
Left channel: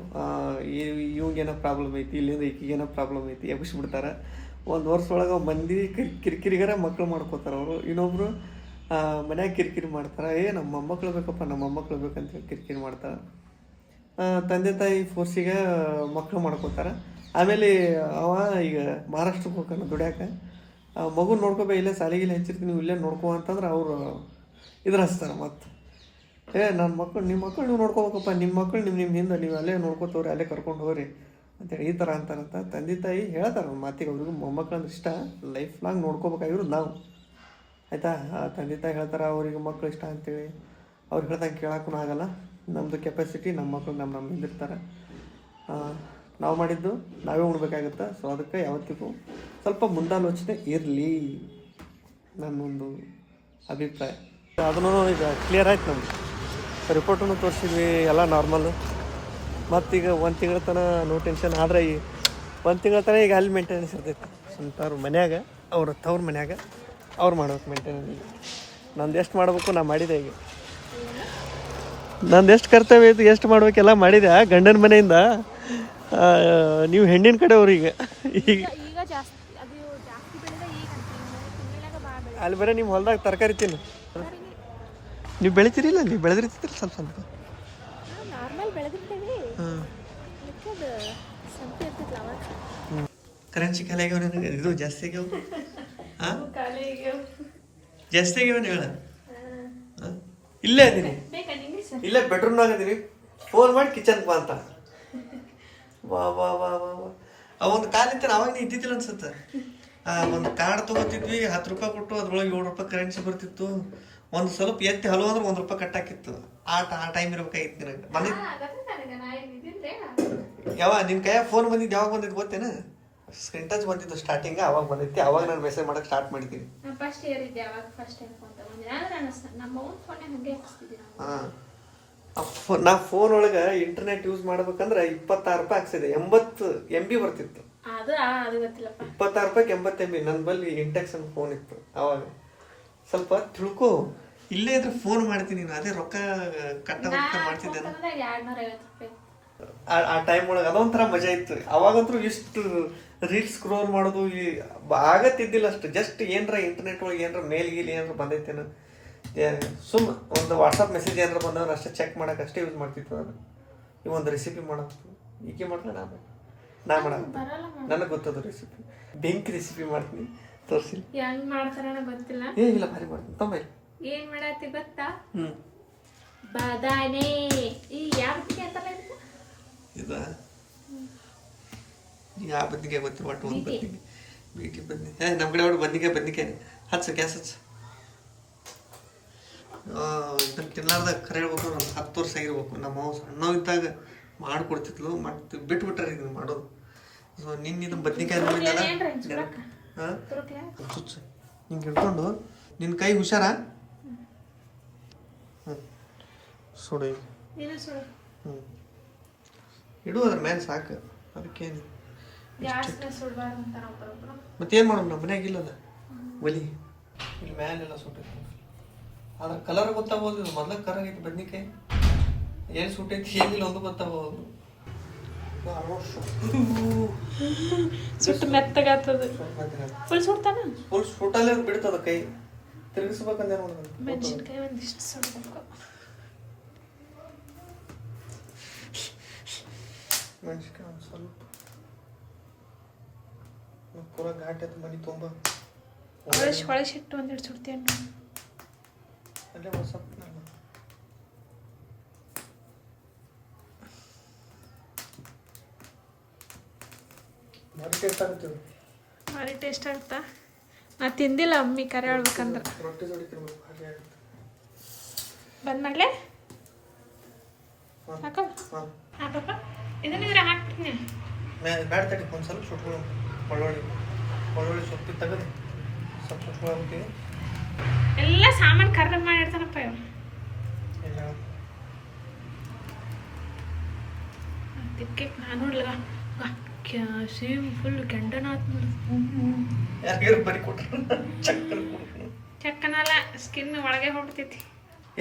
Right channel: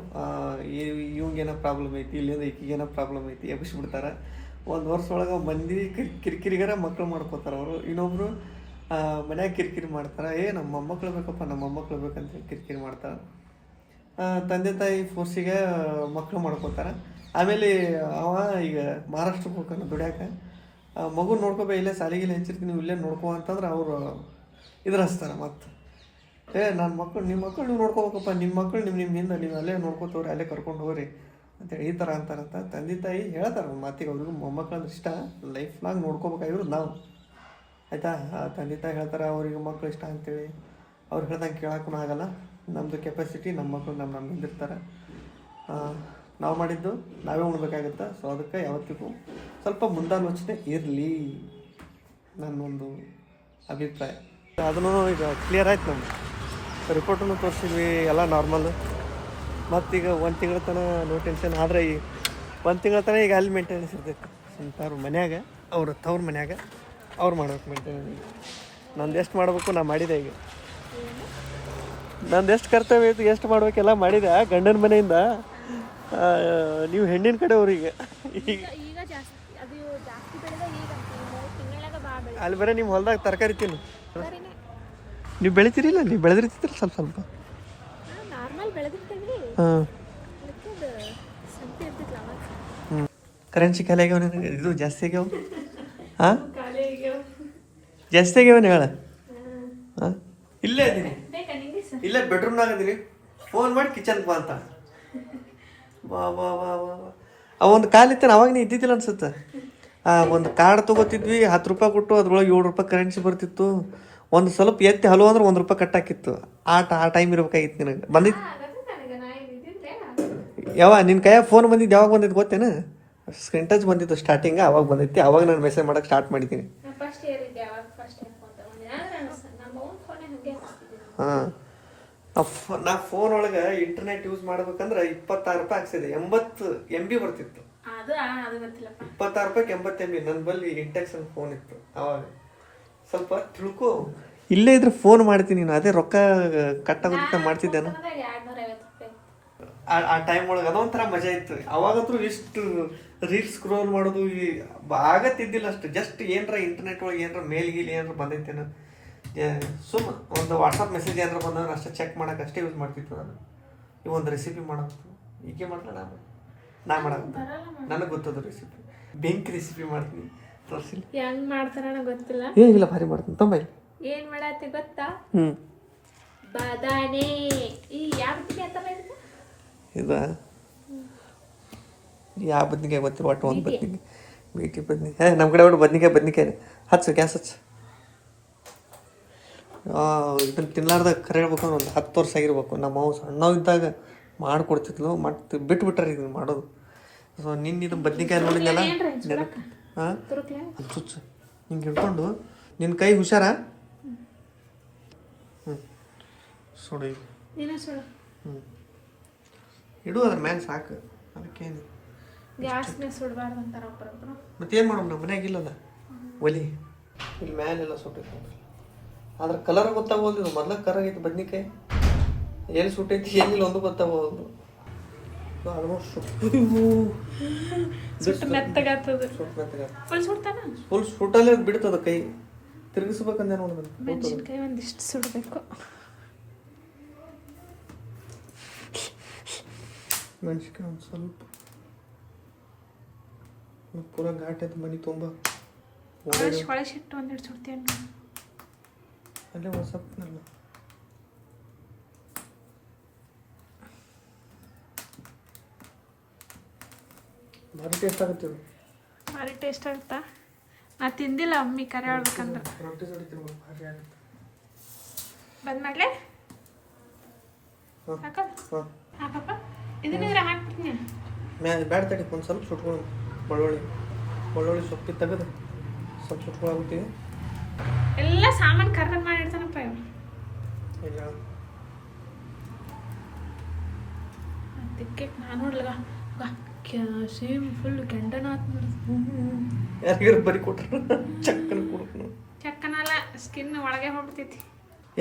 ಇವಂಗೇನೋ ಪ್ರಾಬ್ಲಮ್ ಐತಿ, ಇಲ್ಲಿಂದ ಈಕಿಗೇನೋ ಪ್ರಾಬ್ಲಮ್ ಐತಿ ಎಬ್ಬಿಸ್ಬಿಡ್ತಾರೆ. ಒಂದು ವರ್ಷ ಒಳಗೆ ಮಂದಿ ಕಿರಿ, ಕಿರಿಕಿರಿಗಾರ ಮಕ್ಕಳು ಮಾಡ್ಕೋತಾರೆ ಅವರು. ಇನ್ನೊಬ್ರು ಮನ್ಯಾಗ ಕಿರಿಕಿರಿ ಮಾಡ್ತಾರೆ. ಏ ನಮ್ಮ ಮೊಮ್ಮಕ್ಳು ಬೇಕಪ್ಪ ನಮ್ಮ ಮೊಮ್ಮಕ್ಳು ಬೇಕಂತ ಕಿರಿಕಿರಿ ಮಾಡ್ತಾರೆ. ತಂದೆ ತಾಯಿ ಫೋರ್ಸಿಗೆ ಮಕ್ಕಳು ಮಾಡ್ಕೋತಾರೆ. ಆಮೇಲೆ ಅವ ಈಗ ಮಹಾರಾಷ್ಟ್ರಕ್ಕೆ ಹೋಗ್ತಾನೆ ದುಡ್ಯಾಕ. ಮಗು ನೋಡ್ಕೋಬೇ ಇಲ್ಲೇ ಸಾಲಿಗೆಲ್ಲ ಹೆಚ್ಚಿರ್ತೀನಿ ನೀವು ಇಲ್ಲೇ ನೋಡ್ಕೋ ಅಂತಂದ್ರೆ ಅವರು ಇದ್ರ ಹಚ್ತಾರೆ ಮತ್ತೆ ಏ ನನ್ನ ಮಕ್ಕಳು ನಿಮ್ಮ ಮಕ್ಕಳು ನೀವು ನೋಡ್ಕೋಬೇಕಪ್ಪ ನಿಮ್ಮ ಮಕ್ಕಳು ನಿಮ್ಮ ನಿಮ್ಮ ಹಿಂದೆ ನೀವು ಅಲ್ಲೇ ನೋಡ್ಕೋತವ್ರಿ, ಅಲ್ಲೇ ಕರ್ಕೊಂಡು ಹೋಗ್ರಿ ಅಂತೇಳಿ ಈ ಥರ ಅಂತಾರಂತ ತಂದೆ ತಾಯಿ ಹೇಳ್ತಾರೆ ಮಾತಿಗೆ ಅವ್ರಿಗೂ ಮೊಮ್ಮಕ್ಳು ಅಂದ್ರೆ ಇಷ್ಟ, ಲೈಫ್ ಲಾಂಗ್ ನೋಡ್ಕೋಬೇಕಾಗಿರೋದು ನಾವು. ಆಯಿತಾ? ತಂದೆ ತಾಯಿ ಹೇಳ್ತಾರೆ, ಅವ್ರಿಗೆ ಮಕ್ಕಳು ಇಷ್ಟ ಅಂತೇಳಿ. ಅವ್ರು ಹೇಳ್ದಂಗೆ ಕೇಳೋಕ್ಕೂ ಆಗಲ್ಲ. ನಮ್ಮದು ಕೆಪಾಸಿಟಿ ನಮ್ಮ ಮಕ್ಕಳು ನಮ್ಮ ನಮ್ಮ ಹಿಂದಿರ್ತಾರೆ ನಾವು ಮಾಡಿದ್ದು ನಾವೇ ಉಣ್ಬೇಕಾಗತ್ತೆ? ಸೊ ಅದಕ್ಕೆ ಯಾವತ್ತಿಗೂ ಸ್ವಲ್ಪ ಮುಂದಾಲೋಚನೆ ಇರಲಿ ನನ್ನೊಂದು ಅಭಿಪ್ರಾಯ. ಅದನ್ನು ಈಗ ಕ್ಲಿಯರ್ ಆಯ್ತು ನಮ್ಗೆ. ರಿಪೋರ್ಟನ್ನು ತೋರಿಸಿದ್ವಿ ಎಲ್ಲ ನಾರ್ಮಲ್ಲು ಮತ್ತೀಗ ಒಂದು ತಿಂಗಳ ತನಕ ನೋ ಟೆನ್ಷನ್ ಆದರೆ ಈ ಒಂದು ತಿಂಗಳ ತನಕ ಈಗ ಅಲ್ಲಿ ಮೇಂಟೆನೆನ್ಸ್ ಇರ್ತೈತೆ. ಸ್ವಂತವ್ರ ಮನ್ಯಾಗ ಅವ್ರ ತವ್ರ ಮನ್ಯಾಗ ಅವ್ರು ಮಾಡ್ಬೇಕು ಮೇಂಟೆನೆನ್ಸ್ ನಂದು ಎಷ್ಟು ಮಾಡಬೇಕು ನಾ ಮಾಡಿದೆ ಈಗ. ನಂದು ಎಷ್ಟು ಕರ್ತವ್ಯ ಇತ್ತು ಎಷ್ಟು ಮಾಡಬೇಕೆಲ್ಲ ಮಾಡಿದೆ ಗಂಡನ ಮನೆಯಿಂದ. ನೀವು ಹೆಣ್ಣಿನ ಕಡೆಯವ್ರು ಈಗ. ಈಗ ಈಗ ಈಗ ಅಲ್ಲಿ ಬರೀ ನಿಮ್ಮ ಹೊಲ್ದಾಗ ತರಕಾರಿ ತಿನ್ನು. ನೀವು ಬೆಳಿತೀರಿಲ್ಲ? ನೀವು ಬೆಳೆದಿರ್ತೀರಿ ಸ್ವಲ್ಪ ಸ್ವಲ್ಪ? ನಾ ಬೆಳೆದಿರ್ತೇವೆ. ಹಾಂ. ಕರೆನ್ಸಿ ಖಾಲಿ ಆಗ್ಯಾವ ನಿನಗೆ? ಇದು ಜಾಸ್ತಿ ಆಗ್ಯಾವ? ಹಾಂ? ಆಗ್ಯಾವ. ಜಾಸ್ತಿ ಆಗ್ಯಾವ ಹೇಳ? ಹಾಂ. ಇಲ್ಲೇ ಅದೀನಿ ಇಲ್ಲೇ ಬೆಡ್ರೂಮ್ನಾಗ ಅದೀನಿ ಫೋನ್ ಮಾಡಿ ಕಿಚನ್ಗೆ ಬಾ ಅಂತ. ವಾ ವಾ ವಾ ವಾ ವಾ. ಅವೊಂದು ಒಂದು ಇತ್ತಾನೆ ಇತ್ತಾನ ಅವಾಗ ನೀ ಇದ್ದಿದ್ದಿಲ್ಲ ಅನ್ಸುತ್ತೆ. ಆ ಒಂದು ಕಾರ್ಡ್ ತೊಗೋತಿದ್ವಿ ಹತ್ತು ರೂಪಾಯಿ ಕೊಟ್ಟು ಅದ್ರೊಳಗೆ ಏಳು ರೂಪಾಯಿ ಕರೆನ್ಸಿ ಬರ್ತಿತ್ತು. ಒಂದು ಸ್ವಲ್ಪ ಎತ್ತಿ ಹಲೋ ಅಂದ್ರೆ ಒಂದು ರೂಪಾಯಿ ಕಟ್ಟಾಕಿತ್ತು. ಆಟ ಆ ಟೈಮ್ ಇರ್ಬೇಕಾಗಿತ್ತು ನಿನಗೆ. ಬಂದಿತ್ತು ಯಾವ ನಿನ್ನ ಕೈಯಾಗ ಫೋನ್ ಬಂದಿದ್ದು ಯಾವಾಗ ಬಂದಿದ್ದು ಗೊತ್ತೇನು? ಸ್ಕ್ರೀನ್ ಟಚ್ ಬಂದಿತ್ತು ಸ್ಟಾರ್ಟಿಂಗ್ ಅವಾಗ ಬಂದಿತ್ತು. ಅವಾಗ ನಾನು ಮೆಸೇಜ್ ಮಾಡಕ್ಕೆ ಸ್ಟಾರ್ಟ್ ಮಾಡಿದ್ದೀನಿ. ಹಾಂ. ನಾ ಫೋನ್ ಒಳಗೆ ಇಂಟರ್ನೆಟ್ ಯೂಸ್ ಮಾಡ್ಬೇಕಂದ್ರೆ ಇಪ್ಪತ್ತಾರು ರೂಪಾಯಿ ಹಾಕ್ಸಿದೆ ಎಂಬತ್ತು ಎಂ ಬಿ ಬರ್ತಿತ್ತು. ಇಪ್ಪತ್ತಾರು ರೂಪಾಯಿಗೆ ಎಂಬತ್ತು ಎಂ ಬಿ ನನ್ನ ಬಲ್ಲಿ ಇಂಟೆಕ್ಸನ್ ಫೋನ್ ಇತ್ತು ಅವಾಗ. ಸ್ವಲ್ಪ ತಿಳ್ಕೊ. ಇಲ್ಲೇ ಇದ್ರೆ ಫೋನ್ ಮಾಡ್ತೀನಿ ನೀನು ಅದೇ ರೊಕ್ಕ ಕಟ್ಟ ರೂಪಾಯಿ ಆ ಆ ಟೈಮ್ ಒಳಗೆ ಅದೊಂಥರ ಮಜಾ ಇತ್ತು. ಅವಾಗಂತೂ ಇಷ್ಟು ರೀಲ್ಸ್ ಸ್ಕ್ರೋಲ್ ಮಾಡೋದು ಈ ಬ- ಆಗತ್ತಿದ್ದಿಲ್ಲ ಅಷ್ಟು. ಜಸ್ಟ್ ಏನರ ಇಂಟರ್ನೆಟ್ ಒಳಗೆ ಏನರ ಮೇಲ್ ಗೀಲ್ ಏನಾರ ಬಂದೈತೇನು ಸುಮ್ ಒಂದು ವಾಟ್ಸಪ್ ಮೆಸೇಜ್ ಏನಾರ ಬಂದ್ರೆ ಅಷ್ಟೇ ಚೆಕ್ ಮಾಡೋಕೆ ಅಷ್ಟೇ ಯೂಸ್ ಮಾಡ್ತಿತ್ತು ನಾನು. ಈ ಒಂದು ರೆಸಿಪಿ ಮಾಡೋದು. ಈಕೆ ಮಾಡ್ಲಾ ನಾನು ನಾ ಮಾಡೋದು ನನಗೆ ಗೊತ್ತದ ರೆಸಿಪಿ ಬೆಂಕಿ ರೆಸಿಪಿ ಮಾಡ್ತೀನಿ. ತೋರಿಸಿ ಹೆಂಗ್ ಮಾಡ್ತಾರ ಗೊತ್ತಿಲ್ಲ. ಏನಿಲ್ಲ ಭಾರಿ ಮಾಡ್ತೀನಿ. ತುಂಬ ಏನ್ ಮಾಡತ್ತಿ ಗೊತ್ತಾ? ಹ್ಞೂ ಬಾದಾನೆ ಈ ಯಾವ ರೀತಿ ಇದು? ಯಾವ ಬದ್ನಿಕಾಯಿ ಗೊತ್ತಿಲ್ಲ ಒಟ್ಟು ಒಂದು ಬದ್ನಿಕಾಯಿ. ಬೀಟಿ ಬದ್ನಿಕಾಯಿ. ನಮ್ಮ ಕಡೆ ಒಟ್ಟು ಬದ್ನಿಕಾಯಿ ಬದ್ನಿಕಾಯಿ. ಹಚ್ಚು ಗ್ಯಾಸ್ ಹಚ್ಚು. ಇದನ್ನ ತಿನ್ಲಾರ್ದಾಗ ಕರೆ ಹೇಳ್ಬೇಕು ಒಂದು ಹತ್ತು ವರ್ಷ ಆಗಿರ್ಬೇಕು. ನಮ್ಮ ಅವು ಸಣ್ಣವಿದ್ದಾಗ ಮಾಡಿಕೊಡ್ತಿದ್ಲು ಮತ್ತೆ ಬಿಟ್ಬಿಟ್ರೆ ಇದನ್ನ ಮಾಡೋದು. ಸೊ ನಿನ್ನ ಇದು ಬದ್ನಿಕಾಯಿ ನೋಡಿದ್ನಲ್ಲ? ಹಾಂ? ಚುಚ್ಚು. ಹಿಂಗೆ ಹಿಡ್ಕೊಂಡು. ನಿನ್ನ ಕೈ ಹುಷಾರ? ಹ್ಞೂ ಸುಡು ಈಗ. ಹ್ಞೂ ಇಡು ಅದ್ರ ಮೇಲೆ ಸಾಕು. ಅದಕ್ಕೇನು ಮತ್ತೇನು ಮಾಡೋಣ ನಮ್ಮ ಮನ್ಯಾಗ ಇಲ್ಲಲ್ಲ? ಒಲಿ. ಇಲ್ಲಿ ಮ್ಯಾಲೆಲ್ಲ ಸುಟ್ಟೈತಿ. ಆದ್ರೆ ಕಲರ್ ಗೊತ್ತಾಗೋದು ಮೊದ್ಲ ಕಲರ್ ಐತೆ ಬದ್ನಿಕಾಯಿ. ಏನ್ ಸುಟ್ಟೈತಿ ಏನಿಲ್ಲ ಒಂದು ಗೊತ್ತಾಗೋದು ಸುಟ್ಟು ಮೆತ್ತಗಾಗ್ತದ. ಫುಲ್ ಸುಡ್ತಾನ? ಫುಲ್ ಸುಟ್ಟಲ್ಲೇ ಬಿಡ್ತದ ಕೈ. ತಿರುಗಿಸ್ಬೇಕಂದ್ರೆ ಮೆಣಸಿನ್ಕಾಯಿ ಒಂದಿಷ್ಟು ಸುಡ್ಬೇಕು. ಮೆಣಸಿನ್ಕಾಯಿ ಒಂದು ಸ್ವಲ್ಪ. ಪೂರ ಘಾಟ್ ಆಯ್ತು ಮನೆ ತುಂಬ. ಹೊಳೆ ಹೊಳೆ ಸಿಟ್ಟು ಒಂದೆರಡು ಸುಡ್ತೀಯ ಅಲ್ಲೇ ಒಂದು ಭಾರಿ ಟೇಸ್ಟ್ ಆಗುತ್ತೆ. ಭಾರಿ ಟೇಸ್ಟ್ ಆಗುತ್ತಾ? ನಾ ತಿಂದಿಲ್ಲ ಅಮ್ಮಿ ಕರೆ ಹೇಳ್ಬೇಕಂದ್ರೆ ರೊಟ್ಟಿ ಜೋಡಿ ತಿನ್ಬೇಕು ಭಾರಿ ಆಗುತ್ತೆ. ಬಂದ್ ಮಾಡ್ಲೆ ಹಾಂ ಹಾಕಪ್ಪ ಇದನ್ನ ಇದ್ರ ಹಾಕ್ತೀನಿ ತಡಿ ಒಂದು ಸ್ವಲ್ಪ ಸುಟ್ಕೊಳ್ಳೋ ಬೆಳ್ಳುಳ್ಳಿ ಬೆಳ್ಳುಳ್ಳಿ ಸೊಪ್ಪಿ ತೆಗೆದು ಸ್ವಲ್ಪ ಸುಟ್ಕೊಳ್ಳೋಗ್ತೀವಿ ಎಲ್ಲ ಸಾಮಾನು ಕರ್ರ ಮಾಡಿರ್ತಾನಪ್ಪ ಇವ ಅದಕ್ಕೆ ನಾನು ನೋಡ್ಲಗ ಸೇಮ್ ಫುಲ್ ಕೆಂಡನ ಆತ್ ಯಾರಿಗಾರು ಬರಿ ಕೊಟ್ರು ಚಕ್ಕನ ಕೊಡ್ತೀನಿ ಚಕ್ಕನಲ್ಲ ಸ್ಕಿನ್ ಒಳಗೆ ಹೋಗ್ಬಿಡ್ತೈತಿ.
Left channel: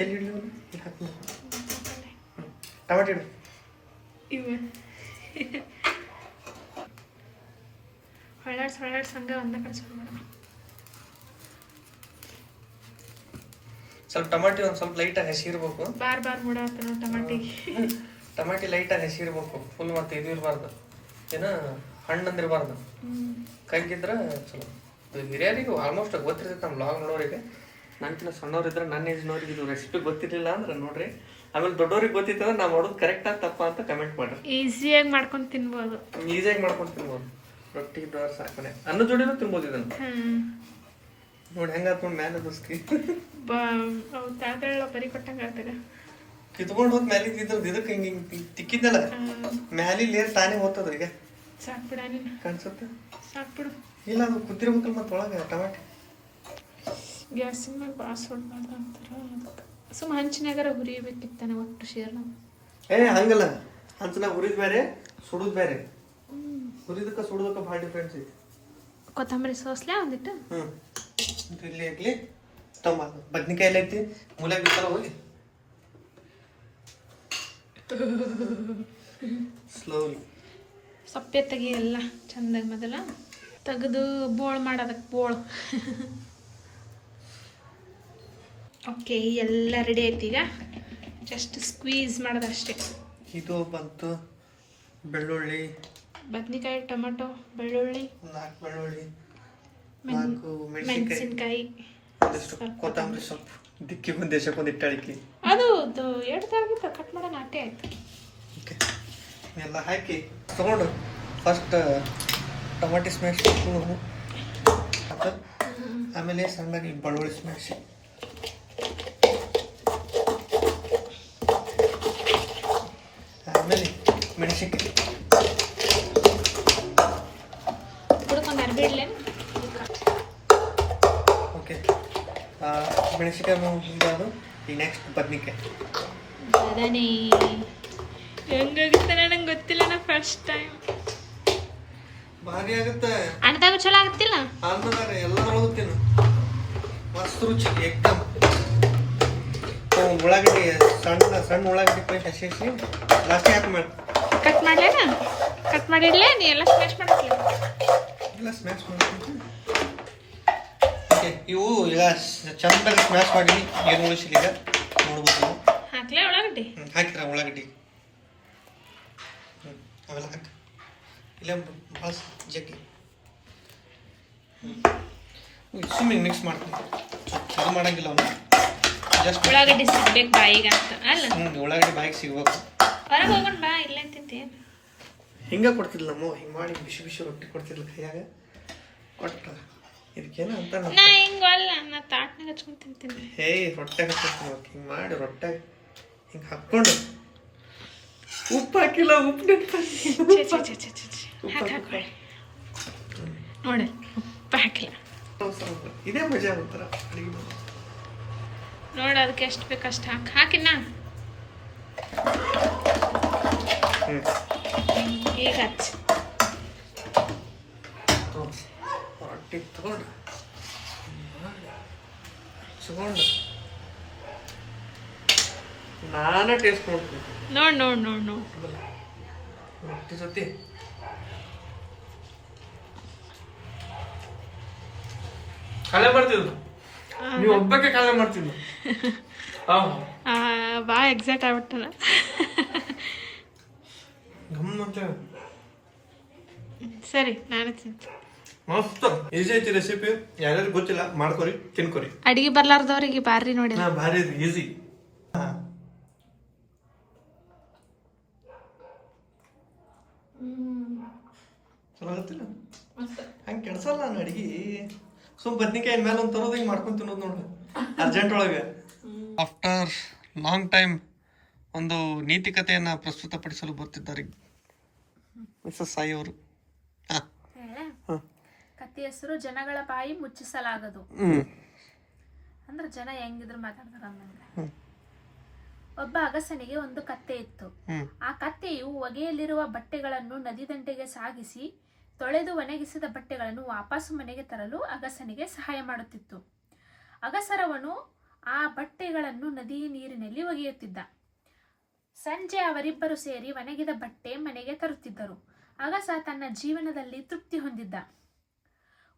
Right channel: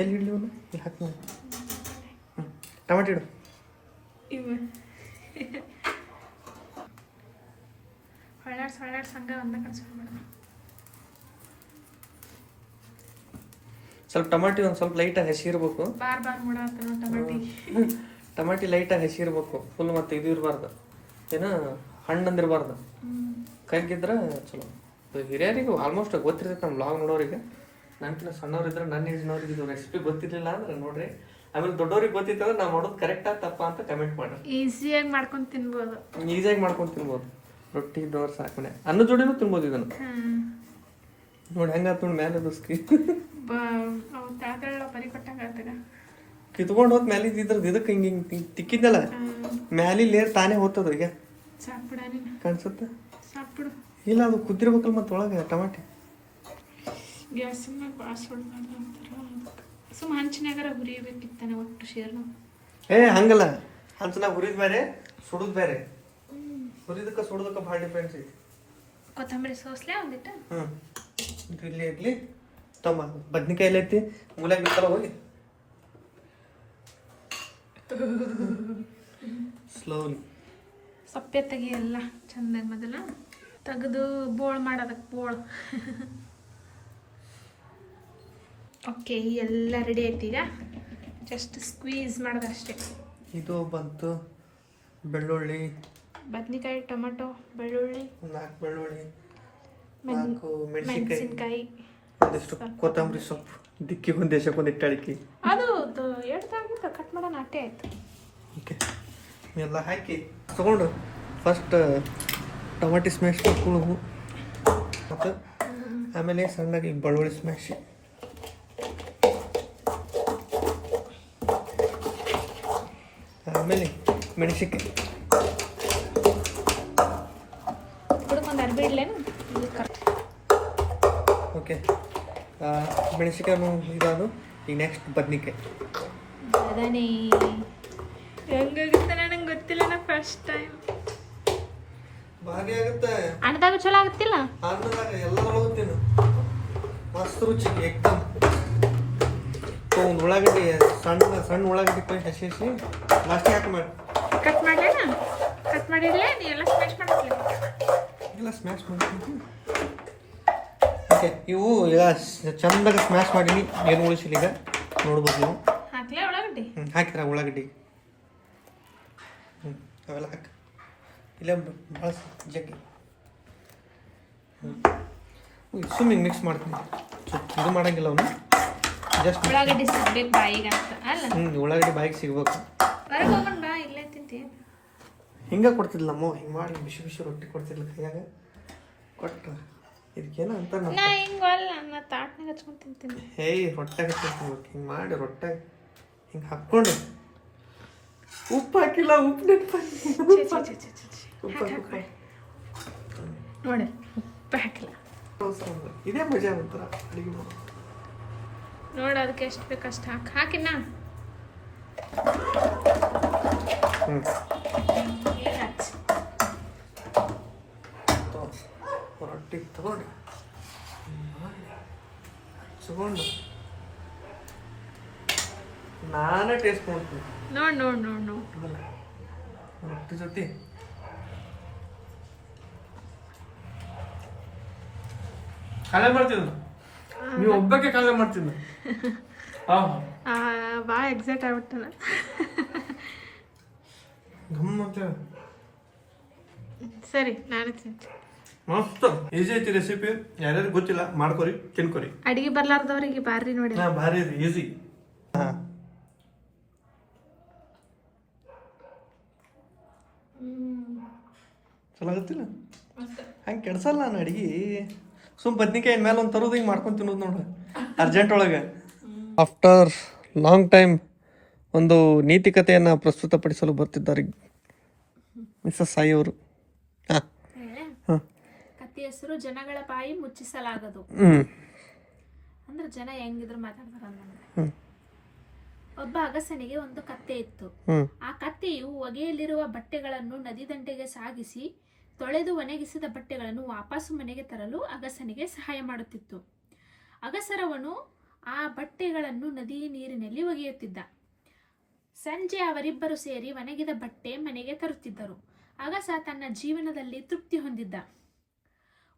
ಎಲ್ಲಿ ಇಡ್ಲಿ ಅವನು? ಹಾಕಿ ಟಮಾಟೆ ಇಡು. ಇವ. ಹೊಳ್ಳಾಡ್ಸ್ ಹೊಳ್ಳಾಡ್ಸ್ ಹಂಗ ಒಂದ ಕಳ್ಸ್ಕೊಂಡ್ಬಿಡ ಸ್ವಲ್ಪ ಟಮಾಟಿ ಒಂದು ಸ್ವಲ್ಪ ಲೈಟಾಗಿ ಹಸಿರ್ಬೇಕು. ಬಾರ್ ಬಾರ್ ಮೂಡ ನೋಡಿ ಟಮಾಟಿಗೆ ಟಮಾಟಿ ಲೈಟಾಗಿ ಹಸಿರ್ಬೇಕು. ಫುಲ್ ಮತ್ತೆ ಇದು ಇರಬಾರ್ದು. ಏನ ಹಣ್ಣಂದಿರಬಾರ್ದು. ಕಗ್ಗಿದ್ರೆ ಚಲೋ. ಹಿರಿಯರಿಗೂ ಆಲ್ಮೋಸ್ಟ್ ಗೊತ್ತಿರ್ತೈತೆ ನಮ್ಮ ಬ್ಲಾಗ್ ನೋಡೋರಿಗೆ. ನನ್ಕಿನ ಸಣ್ಣವ್ರಿದ್ರೆ ನನ್ನ ಏಜ್ನವ್ರಿಗೆ ಇದು ರೆಸಿಪಿ ಗೊತ್ತಿರಲಿಲ್ಲ ಅಂದ್ರೆ ನೋಡ್ರಿ. ಆಮೇಲೆ ದೊಡ್ಡವ್ರಿಗೆ ಗೊತ್ತಿತ್ತಂದ್ರೆ ನಾವು ಮಾಡೋದು ಕರೆಕ್ಟಾ ತಪ್ಪ ಅಂತ ಕಮೆಂಟ್ ಮಾಡಿ ಈಸಿಯಾಗಿ ಮಾಡ್ಕೊಂಡು ತಿನ್ಬೋದು. ಈಸಿಯಾಗಿ ಮಾಡ್ಕೊಂಡು ತಿನ್ಬೋದು. ರೊಟ್ಟಿ ದೋಸೆ ಸಾಕಣೆ. ಅನ್ನ ಜೋಡಿನೂ ತಿನ್ಬೋದು ಇದನ್ನು. ನೋಡಿ ಹೆಂಗಾತ್ ನೋಡಿ ಮೇಲೆ ಬಸ್ಕಿ ಬ ಅವು ತಾಳ್ತಾಳ ಬರಿ ಕೊಟ್ಟಂಗ ಕಿತ್ಕೊಂಡು ಹೋದ್ ಮ್ಯಾಲೆ ಇದ್ರದ್ದು ಇದಕ್ಕೆ ಹಿಂಗೆ ಹಿಂಗೆ ತಿಕ್ಕಿದ್ದಲ್ಲ? ಮ್ಯಾಲಿ ಲೇರ್ ತಾನೇ ಹೋಗ್ತದ ಈಗ? ಸಾಕ್ಬಿಡ ನೀನು. ಕಾಣಿಸುತ್ತೆ? ಸಾಕ್ಬಿಡು. ಇಲ್ಲ ಅದು ಕುದಿರ್ಬೇಕಲ್ಲ ಮತ್ತೆ ಒಳಗೆ ಟಮಾಟಿ. ಗ್ಯಾಸಿನ ಮ್ಯಾಗ ಭಾಳ ಸುಡ್ಬಾರ್ದು ಅಂತಾರ ಸುಮ್ಮ ಹಂಚಿನಾಗರ ಹುರಿಬೇಕಿತ್ತಾನೆ ಒಟ್ಟು ಶೇರ್ ಏ ಹಂಗಲ್ಲ. ಹಂಚನಾಗ ಹುರಿದ್ ಬೇರೆ ಸುಡುದ್ ಬೇರೆ ಹುರಿದಕ್ಕ ಸುಡುದಕ್ಕ ಭಾಳ ಡಿಫ್ರೆನ್ಸ್ ಐತಿ. ಕೊತ್ತಂಬರಿ ಸೋಸ್ಲೆ ಒಂದಿಟ್ಟು? ಹ್ಞೂ ಇಲ್ಲಿ ಇರಲಿ ತಮ್ಮ ಬದ್ನಿಕಾಯಿ ಎಲ್ಲ ಐತಿ. ಮೂಲೆ ಬಿತ್ತಲ್ಲ ಹೋಗಿ. ಸ್ಲೋಲಿ ಸಪ್ಪೆ ತೆಗಿ ಎಲ್ಲ ಚಂದಾಗಿ ಮೊದಲ ತೆಗೆದು ಬೋಳ್ ಮಾಡೋದಕ್ಕೆ ಬೋಳ್. ಓಕೆ ಎಲ್ಲ ರೆಡಿ ಆಯ್ತು ಈಗ? ಜಸ್ಟ್ ಸ್ಕ್ವೀಸ್ ಮಾಡೋದಷ್ಟೇ ಇದು ಬಂತು ಬೆಳ್ಳುಳ್ಳಿ. ಬದ್ನಿಕಾಯಿ ಟೊಮೆಟೊ ಬೆಳ್ಳುಳ್ಳಿ. ನಾಲ್ಕು ಬೆಳ್ಳುಳ್ಳಿ ಮೆಣಸಿನ್ಕಾಯಿ. ಕೊತ್ತಂಬರಿ ಸೊಪ್ಪು. ದಿಕ್ಕಿಗೆ ಒಂದು ದೇಶಕ್ಕೊಂದು ಇಟ್ಟು ಅದು ಎರಡು ತಾಗಿತ್ತು ಕಟ್ ಮಾಡೋಣ ಅಟ್ಟೆ ಆಯ್ತು. ಓಕೆ. ಎಲ್ಲ ಹಾಕಿ ತಗೊಂಡು ಫಸ್ಟ್ ಟೊಮೆಟೊ ಸ್ಮ್ಯಾಶ್ ಕುಳು ಆಮೇಲೆ ಸಣ್ಣಗೆ ಬೆಳ್ಳುಳ್ಳಿ ಸ್ಮ್ಯಾಶ್ ಆಮೇಲೆ ಮೆಣಸಿನ್ಕಾಯಿ. ಮೆಣಸಿನ್ಕಾಯಿ ಇದಾದು ಈ ನೆಕ್ಸ್ಟ್ ಬದ್ನಿಕಾಯಿ ಬದನೆ ಹೆಂಗಾಗುತ್ತೆ ನನಗೆ ಗೊತ್ತಿಲ್ಲ ನಾ ಫಸ್ಟ್ ಟೈಮ್ ಭಾರಿ ಆಗುತ್ತೆ. ಅಣ್ಣದಾಗ ಚಲೋ ಆಗುತ್ತಿಲ್ಲ? ಅನ್ನದಾಗ ಎಲ್ಲದರೊಳಗೂ ತಿನ್ನು ಮಸ್ತ್ ರುಚಿ ಎಕ್ದಮ್. ಒಂದು ಉಳ್ಳಾಗಡ್ಡಿ ಸಣ್ಣ ಸಣ್ಣ ಉಳ್ಳಾಗಡ್ಡಿ ಕೊಯ್ದು ಹಸಿ ಹಸಿ ಲಾಸ್ಟಿಗೆ ಹಾಕಿ ಮಾಡಿ ಕಟ್ ಮಾಡ್ಲೇನ? ಕಟ್ ಮಾಡಿಡ್ಲೇ? ನೀ ಎಲ್ಲ ಸ್ಮ್ಯಾಶ್ ಮಾಡಕ್ಲೆ? ಎಲ್ಲ ಸ್ಮ್ಯಾಶ್ ಮಾಡ್ತೀನಿ. ಓಕೆ. ಇವು ಈಗ ಸ- ಚಂದಾಗಿ ಸ್ಮ್ಯಾಶ್ ಮಾಡಿ ಏನು ಉಳಿಸಿಲ್ಲ ಈಗ. ನೋಡ್ಬೋದು ನೀವು. ಹಾಕ್ಲೇ ಒಳಗಡ್ಡಿ ಹ್ಞೂ ಹಾಕಿರ ಉಳ್ಳಾಗಡ್ಡಿ. ಹ್ಞೂ ಅವೆಲ್ಲ ಹಾಕಿ. ಇಲ್ಲ ಭಾಳ ಜಗ್ಗಿ. ಹ್ಞೂ ಸುಮ್ಮನೆ ಮಿಕ್ಸ್ ಮಾಡ್ತೀನಿ. ಸ್ವಲ್ಪ ಇದು ಮಾಡಂಗಿಲ್ಲ ಅವನು. ಜಸ್ಟ್ ಉಳ್ಳಾಗಡ್ಡಿ ಸಿಗ್ಬೇಕು ಬಾಯಿಗೆ ಅಂತ ಅಲ್ಲ? ಹ್ಞೂ ಉಳ್ಳಾಗಡ್ಡಿ ಬಾಯಿಗೆ ಸಿಗ್ಬೇಕು. ಹೊರಗೆ ಹೋಗೋಣ ಬಾ ಇಲ್ಲೇ ತಿಂತೇನು ಹಿಂಗೆ ಕೊಡ್ತಿದ್ಲಮ್ಮ ಹಿಂಗೆ ಮಾಡಿ ಬಿಸಿ ಬಿಸಿ ರೊಟ್ಟಿ ಕೊಡ್ತಿದ್ಲ ಕೈಯಾಗ. ಕೊಟ್ಟು. ಇದಕ್ಕೇನು ಅಂತ ನಾ ಹಿಂಗ ಅಲ್ಲ ನಾ ತಾಟ್ನಾಗ ಹಚ್ಕೊಂಡು ತಿಂತೀನಿ. ಹೇಯ್ ರೊಟ್ಟೆ ಹಚ್ಕೊಂಡು ಹಿಂಗೆ ಮಾಡಿ ರೊಟ್ಟೆ. ಹಿಂಗೆ ಹಾಕ್ಕೊಂಡು. ಉಪ್ಪು ಹಾಕಿಲ್ಲ ಉಪ್ಪು ಹಾಕ್. ನೋಡಿ ಉಪ್ಪು ಹಾಕಿಲ್ಲ. ಇದೇ ಮಜಾ ಒಂಥರ ಅಡುಗೆ ಮಾಡೋದು. ನೋಡು ಅದಕ್ಕೆ ಎಷ್ಟು ಬೇಕು ಅಷ್ಟು ಹಾಕಿ. ಹಾಕಿನ ಹ್ಞೂ ಈಗ ಹಚ್ಚಿ. ರೊಟ್ಟಿ ತಗೊಂಡು ಮಾಡಿ ಹಚ್ಕೊಂಡು ನಾನೇ ಟೇಸ್ಟ್ ಮಾಡ್ತೀನಿ ನೋಡಿ ನೋಡಿ ನೋಡಿ ನೋಡಿ. ರೊಟ್ಟಿ ಜೊತೆ. ಕಾಲೇ ಮಾಡ್ತಿದ್ರು ನೀವು ಒಬ್ಬಕ್ಕೆ ಕಳೆ ಮಾಡ್ತಿದ್ದ? ಭಾಳ ಎಕ್ಸೈಟ್ ಆಗ್ಬಿಟ್ಟನ. ಗಮ್ಮತ್ತೆ ಸರಿ ನಾನು ತಿಂತೀನಿ. ಮಸ್ತ್. ಈಸಿ ಐತಿ ರೆಸಿಪಿ ಯಾರ್ಯಾರು ಗೊತ್ತಿಲ್ಲ ಮಾಡ್ಕೊರಿ ತಿನ್ಕೊರಿ. ಅಡಿಗೆ ಬರ್ಲಾರ್ದವ್ರಿಗೆ ಬಾರಿ ನೋಡಿ. ನಾ ಭಾರಿ ಈಸಿ ಚಲೋ ಗೊತ್ತಿಲ್ಲ ಹಂಗೆ ಕೆಡ್ಸಲ್ಲ ನಾನು ಅಡಿಗೆ. ಸುಮ್ ಬದ್ನಿಕಾಯಿ ಮೇಲೆ ಒಂದು ತರೋದು ಹಿಂಗೆ ಮಾಡ್ಕೊಂಡು ತಿನ್ನೋದು ನೋಡು. ಅರ್ಜೆಂಟ್ ಒಳಗೆ. ಆಫ್ಟರ್ ಲಾಂಗ್ ಟೈಮ್ ಒಂದು ನೀತಿಕತೆಯನ್ನು ಪ್ರಸ್ತುತಪಡಿಸಲು ಬರ್ತಿದ್ದಾರೆ ಮಿಸ್ಸಸ್ ಸಾಯಿ ಅವರು. ಹಾಂ ಹಾಂ. ಕತ್ತಿ ಹೆಸರು ಜನಗಳ ಬಾಯಿ ಮುಚ್ಚಿಸಲಾಗದು. ಅಂದ್ರ ಜನ ಹೆಂಗಿದ್ರು ಮಾತಾಡ್ತಾರ ಒಬ್ಬ ಅಗಸನಿಗೆ ಒಂದು ಕತ್ತೆ ಇತ್ತು. ಆ ಕತ್ತೆಯು ಒಗೆಯಲ್ಲಿರುವ ಬಟ್ಟೆಗಳನ್ನು ನದಿ ದಂಡೆಗೆ ಸಾಗಿಸಿ ತೊಳೆದು ಒಣಗಿಸಿದ ಬಟ್ಟೆಗಳನ್ನು ವಾಪಸ್ಸು ಮನೆಗೆ ತರಲು ಅಗಸನಿಗೆ ಸಹಾಯ ಮಾಡುತ್ತಿತ್ತು. ಅಗಸರವನು ಆ ಬಟ್ಟೆಗಳನ್ನು ನದಿ ನೀರಿನಲ್ಲಿ ಒಗೆಯುತ್ತಿದ್ದ. ಸಂಜೆ ಅವರಿಬ್ಬರು ಸೇರಿ ಒಣಗಿದ ಬಟ್ಟೆ ಮನೆಗೆ ತರುತ್ತಿದ್ದರು. ಅಗಸ ತನ್ನ ಜೀವನದಲ್ಲಿ ತೃಪ್ತಿ ಹೊಂದಿದ್ದ.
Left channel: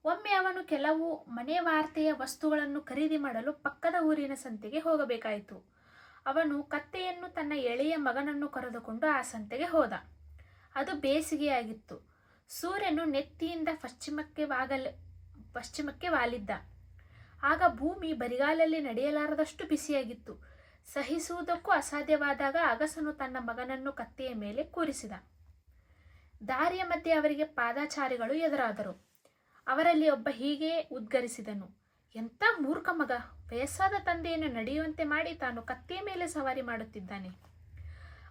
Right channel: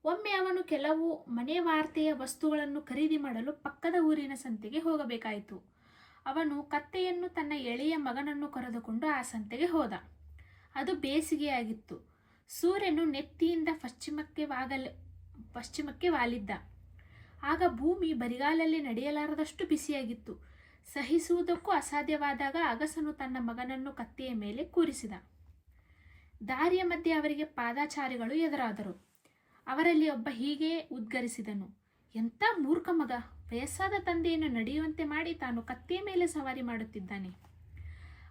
ಒಮ್ಮೆ ಅವನು ಕೆಲವು ಮನೆ ವಾರ್ತೆಯ ವಸ್ತುಗಳನ್ನು ಖರೀದಿ ಮಾಡಲು ಪಕ್ಕದ ಊರಿನ ಸಂತೆಗೆ ಹೋಗಬೇಕಾಯಿತು. ಅವನು ಕತ್ತೆಯನ್ನು ತನ್ನ ಎಳೆಯ ಮಗನನ್ನು ಕರೆದುಕೊಂಡು ಆ ಸಂತೆಗೆ ಹೋದ. ಅದು ಬೇಸಿಗೆಯಾಗಿತ್ತು. ಸೂರ್ಯನು ನೆತ್ತಿಯಿಂದ ಪಶ್ಚಿಮಕ್ಕೆ ವಾಗಲ್, ಪಶ್ಚಿಮಕ್ಕೆ ವಾಲಿದ್ದ. ಆಗ ಭೂಮಿ ಬರಿಗಾಲಲ್ಲಿ ನಡೆಯಲಾರದಷ್ಟು ಬಿಸಿಯಾಗಿತ್ತು. ಸಹಿಸುವುದಕ್ಕೂ ಅಸಾಧ್ಯವಾದಾಗ ಅಗಸನು ತನ್ನ ಮಗನನ್ನು ಕತ್ತೆಯ ಮೇಲೆ ಕೂರಿಸಿದ. ದಾರಿಯ ಮಧ್ಯೆ ಅವರಿಗೆ ಪಾದಾಚಾರಿಗಳು ಎದುರಾದರು. ಅವರಲ್ಲಿ ಒಬ್ಬ ಹೀಗೆ ಉದ್ಗರಿಸಿದನು, ಎಂಥ ಮೂರ್ಖ ಮಗ, ವಯಸ್ಸಾದ ತಂದೆಯನ್ನು ನಡೆಯುವಂತೆ ಮಾಡಿ ತಾನು ಕತ್ತೆಯ ಮೇಲೆ ಸವಾರಿ ಮಾಡುತ್ತಿದ್ದಾನೆ.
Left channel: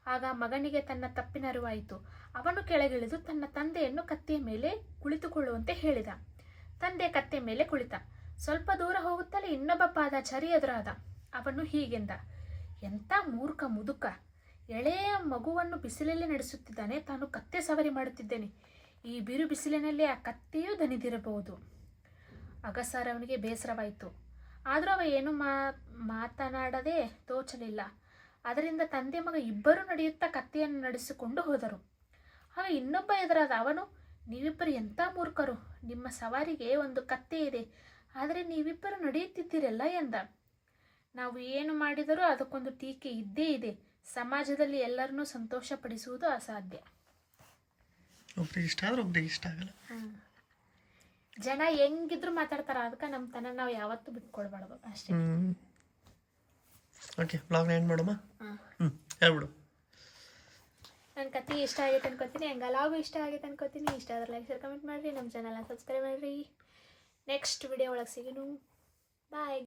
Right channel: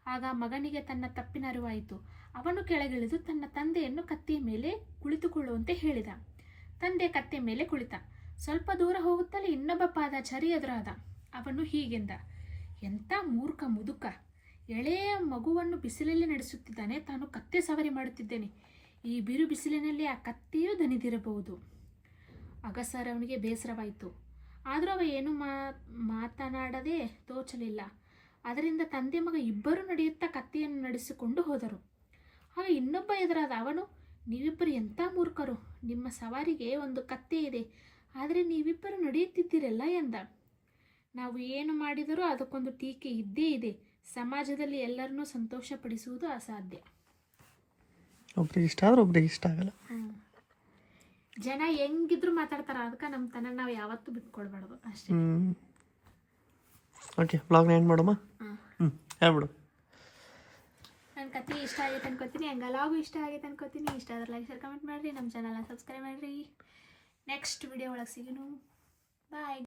ಆಗ ಮಗನಿಗೆ ತನ್ನ ತಪ್ಪಿನ ಅರಿವಾಯಿತು. ಅವನು ಕೆಳಗಿಳಿದು ತನ್ನ ತಂದೆಯನ್ನು ಕತ್ತೆಯ ಮೇಲೆ ಕುಳಿತುಕೊಳ್ಳುವಂತೆ ಹೇಳಿದ. ತಂದೆ ಕತ್ತೆ ಮೇಲೆ ಕುಳಿತ. ಸ್ವಲ್ಪ ದೂರ ಹೋಗುತ್ತಲೇ ಇನ್ನೊಬ್ಬ ಪಾದಾಚಾರಿ ಎದುರಾದ. ಅವನು ಹೀಗೆಂದ, ಎಂಥ ಮೂರ್ಖ ಮುದುಕ, ಎಳೆಯ ಮಗುವನ್ನು ಬಿಸಿಲಲ್ಲಿ ನಡೆಸುತ್ತಿದ್ದಾನೆ, ತಾನು ಕತ್ತೆ ಸವಾರಿ ಮಾಡುತ್ತಿದ್ದೇನೆ. ಈ ಬಿರು ಬಿಸಿಲಿನಲ್ಲಿ ಆ ಕತ್ತೆಯೂ ದನಿದಿರಬಹುದು ಅಗಸರ್ ಅವನಿಗೆ ಬೇಸರವಾಯಿತು. ಆದರೂ ಅವ ಏನು ಮಾತನಾಡದೆ ತೋಚಲಿಲ್ಲ. ಅದರಿಂದ ತಂದೆ ಮಗ ಇಬ್ಬರೂ ನಡೆಯುತ್ತಾ ಕತ್ತೆಯನ್ನು ನಡೆಸಿಕೊಂಡು ಹೋದರು. ಆಗ ಇನ್ನೊಬ್ಬ ಎದುರಾದ ಅವನು, ನೀವಿಬ್ಬರು ಎಂಥ ಮೂರ್ಖರು? ನಿಮ್ಮ ಸವಾರಿಗೆ ಒಂದು ಕತ್ತೆ ಇದೆ. ಆದರೆ ನೀವಿಬ್ಬರು ನಡೆಯುತ್ತಿದ್ದೀರಲ್ಲ ಎಂದ. ನಾವು ಏನು ಮಾಡಿದರೂ ಅದಕ್ಕೊಂದು ಟೀಕೆ ಇದ್ದೇ ಇದೆ. ಸಮಾಜದಲ್ಲಿ ಎಲ್ಲರನ್ನೂ ಸಂತೋಷಪಡಿಸುವುದು ಅಸಾಧ್ಯ. ಒಬ್ರಿಗೆ ಇಷ್ಟ ಆದ್ರೆ ಒಬ್ರಿಗೆ ಇಷ್ಟ ಆಗಲ್ಲ. ಜನ ಹೆಂಗಿದ್ರು ಮಾತಾಡ್ತಾರ ಅದಕ್ಕೆ ನಮ್ಮ ತನ ನಾವು ಯಾವತ್ತೂ ಬಿಟ್ಕೊಡ್ಬಾರ್ದು. ಅಷ್ಟೇ. ಓಕೆ ಬ್ಲಾಗ್ನ ಏನು ಮಾಡಮ್ಮ ಹ್ಞೂ ಹೇಳ್ಬಿಡು. ನನ್ನ ಕತೆ ಇಷ್ಟ ಆಗೈತೆ ಅನ್ಕೋತೀನಿ ಹಂಗಲಾಗೂ ಇಷ್ಟ ಆಗೈತೆ ಅನ್ಕೋತೀನಿ. ಇಷ್ಟ ಆದ್ರೆ ಲೈಕ್ ಶೇರ್ ಕಮೆಂಟ್ ಮಾಡಿರಿ ನಮ್ಮ ಚಾನಲ್ನ ಸಬ್ಸ್ಕ್ರೈಬ್ ಮಾಡಿರಿ. ನೆಕ್ಸ್ಟ್ ವಿಡಿಯೋ ಒಳಗೆ ಸಿಗೋನು ಬಾಯ್